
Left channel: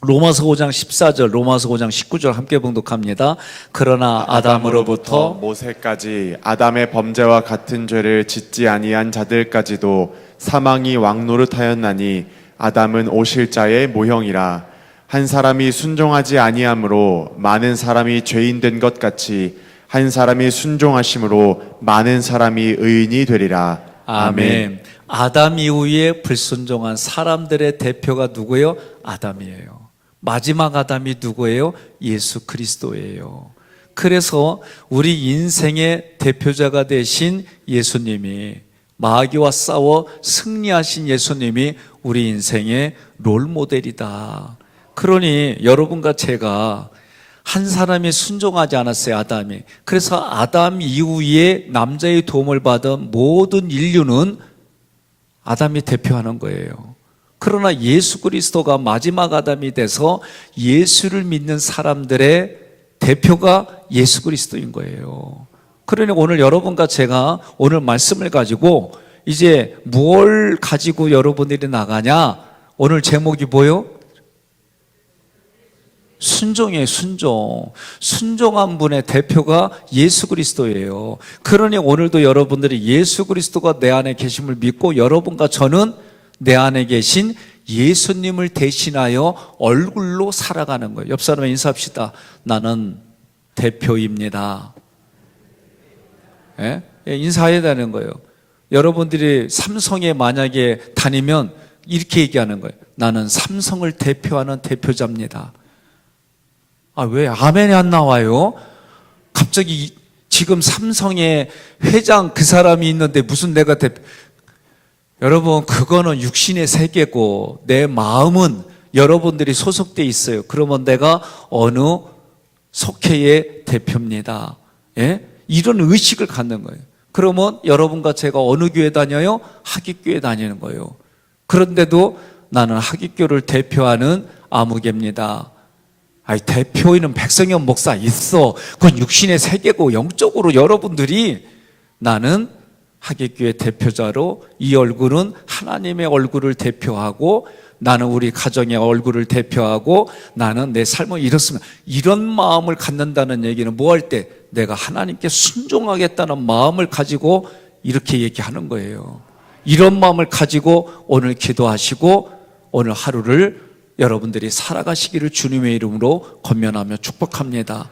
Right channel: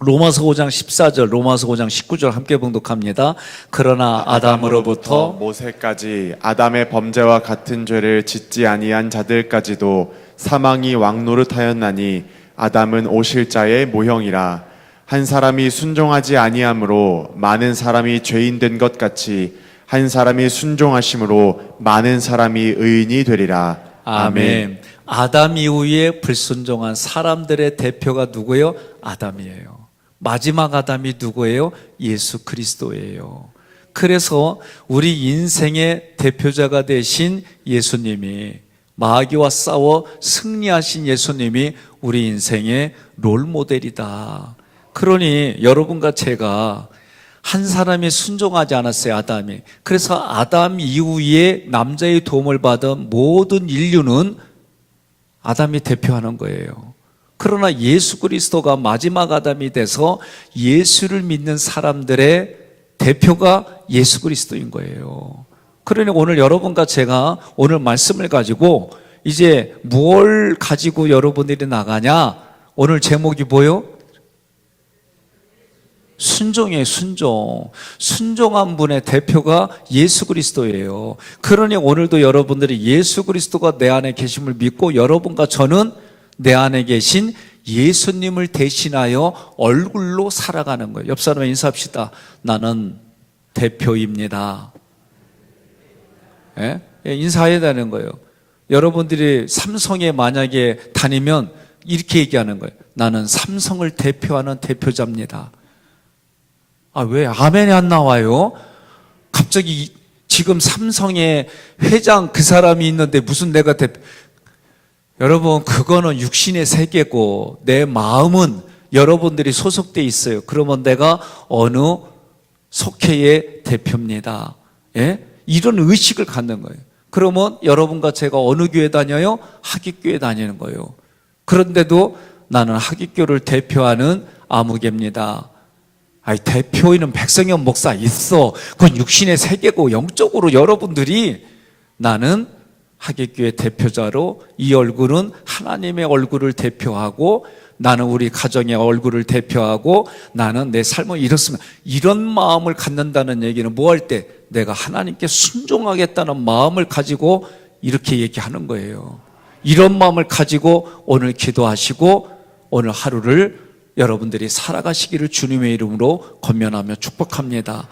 로마서 5장 14절, 로마서 5장 19절 함께 봉독합니다. 그러나 아담으로부터 모세까지 아담의 범죄와 같은 죄를 짓지 아니한 자들까지도 사망이 왕노릇하였나니 아담은 오실자의 모형이라. 한 사람이 순종하지 아니함으로 많은 사람이 죄인 된 것 같이 한 사람이 순종하심으로 많은 사람이 의인이 되리라. 아멘. 아담 이후에 불순종한 사람들의 대표가 누구예요? 아담이에요. 마지막 아담이 누구예요? 예수 그리스도예요. 그래서 우리 인생의 대표자가 되신 예수님이, 마귀와 싸워 승리하신 예수님이 우리 인생의 롤모델이다. 그러니 여러분과 제가 한 사람이 순종하지 않았어요, 아담이. 그래서 아담 이후에 남자의 도움을 받은 모든 인류는 아담이 대표하는 거예요. 그러나 예수 그리스도가 마지막 아담이 돼서 예수를 믿는 사람들의 대표가 예수 그리스도인 거예요. 그러니 오늘 여러분과 제가 오늘 말씀을 가지고 이제 뭘 가지고 여러분들이 나가냐? 오늘 제목이 뭐요? 순종이에요, 순종. 순종한 분의 대표가 예수 그리스도예요. 그러니 오늘도 여러분들이 예수 그리스도가 내 안에 계심을 믿고 여러분과 저는 내 안에 계신 예수님을 대신하여 얼굴로 살아가는 거예요. 옆 사람 인사합시다. 나는 대표입니다. 예? 인사해야 되는 거예요. 여러분들이 삼성에 만약에 다니면 이렇게 얘기하는 거예요. 나는 삼성을 대표하는 대표자입니다. 왜 아멘이 안 나와요? 갑자기 지금 삼성의 회장 그 사람이 있는데 무슨 내가 대표. 여러분, 그거는 육신의 세계고 내 마음은 여러분들이 소속돼 있어요. 그러면 내가 어느 속회의 대표입니다. 예? 이런 의식을 갖는 거예요. 그러면 여러분과 제가 어느 교회 다녀요? 하깃교회 다니는 거예요. 그런데도 나는 하깃교를 대표하는 아무개입니다. 대표인은 백성현 목사 있어. 그건 육신의 세계고 영적으로 여러분들이 나는 하깃교회 대표자로 이 얼굴은 하나님의 얼굴을 대표하고 나는 우리 가정의 얼굴을 대표하고 나는 내 삶을 이렇습니다. 이런 마음을 갖는다는 얘기는 뭐 할 때? 내가 하나님께 순종하겠다는 마음을 가지고 이렇게 얘기하는 거예요. 이런 마음을 가지고 오늘 기도하시고 오늘 하루를 여러분들이 살아가시기를 주님의 이름으로 권면하며 축복합니다.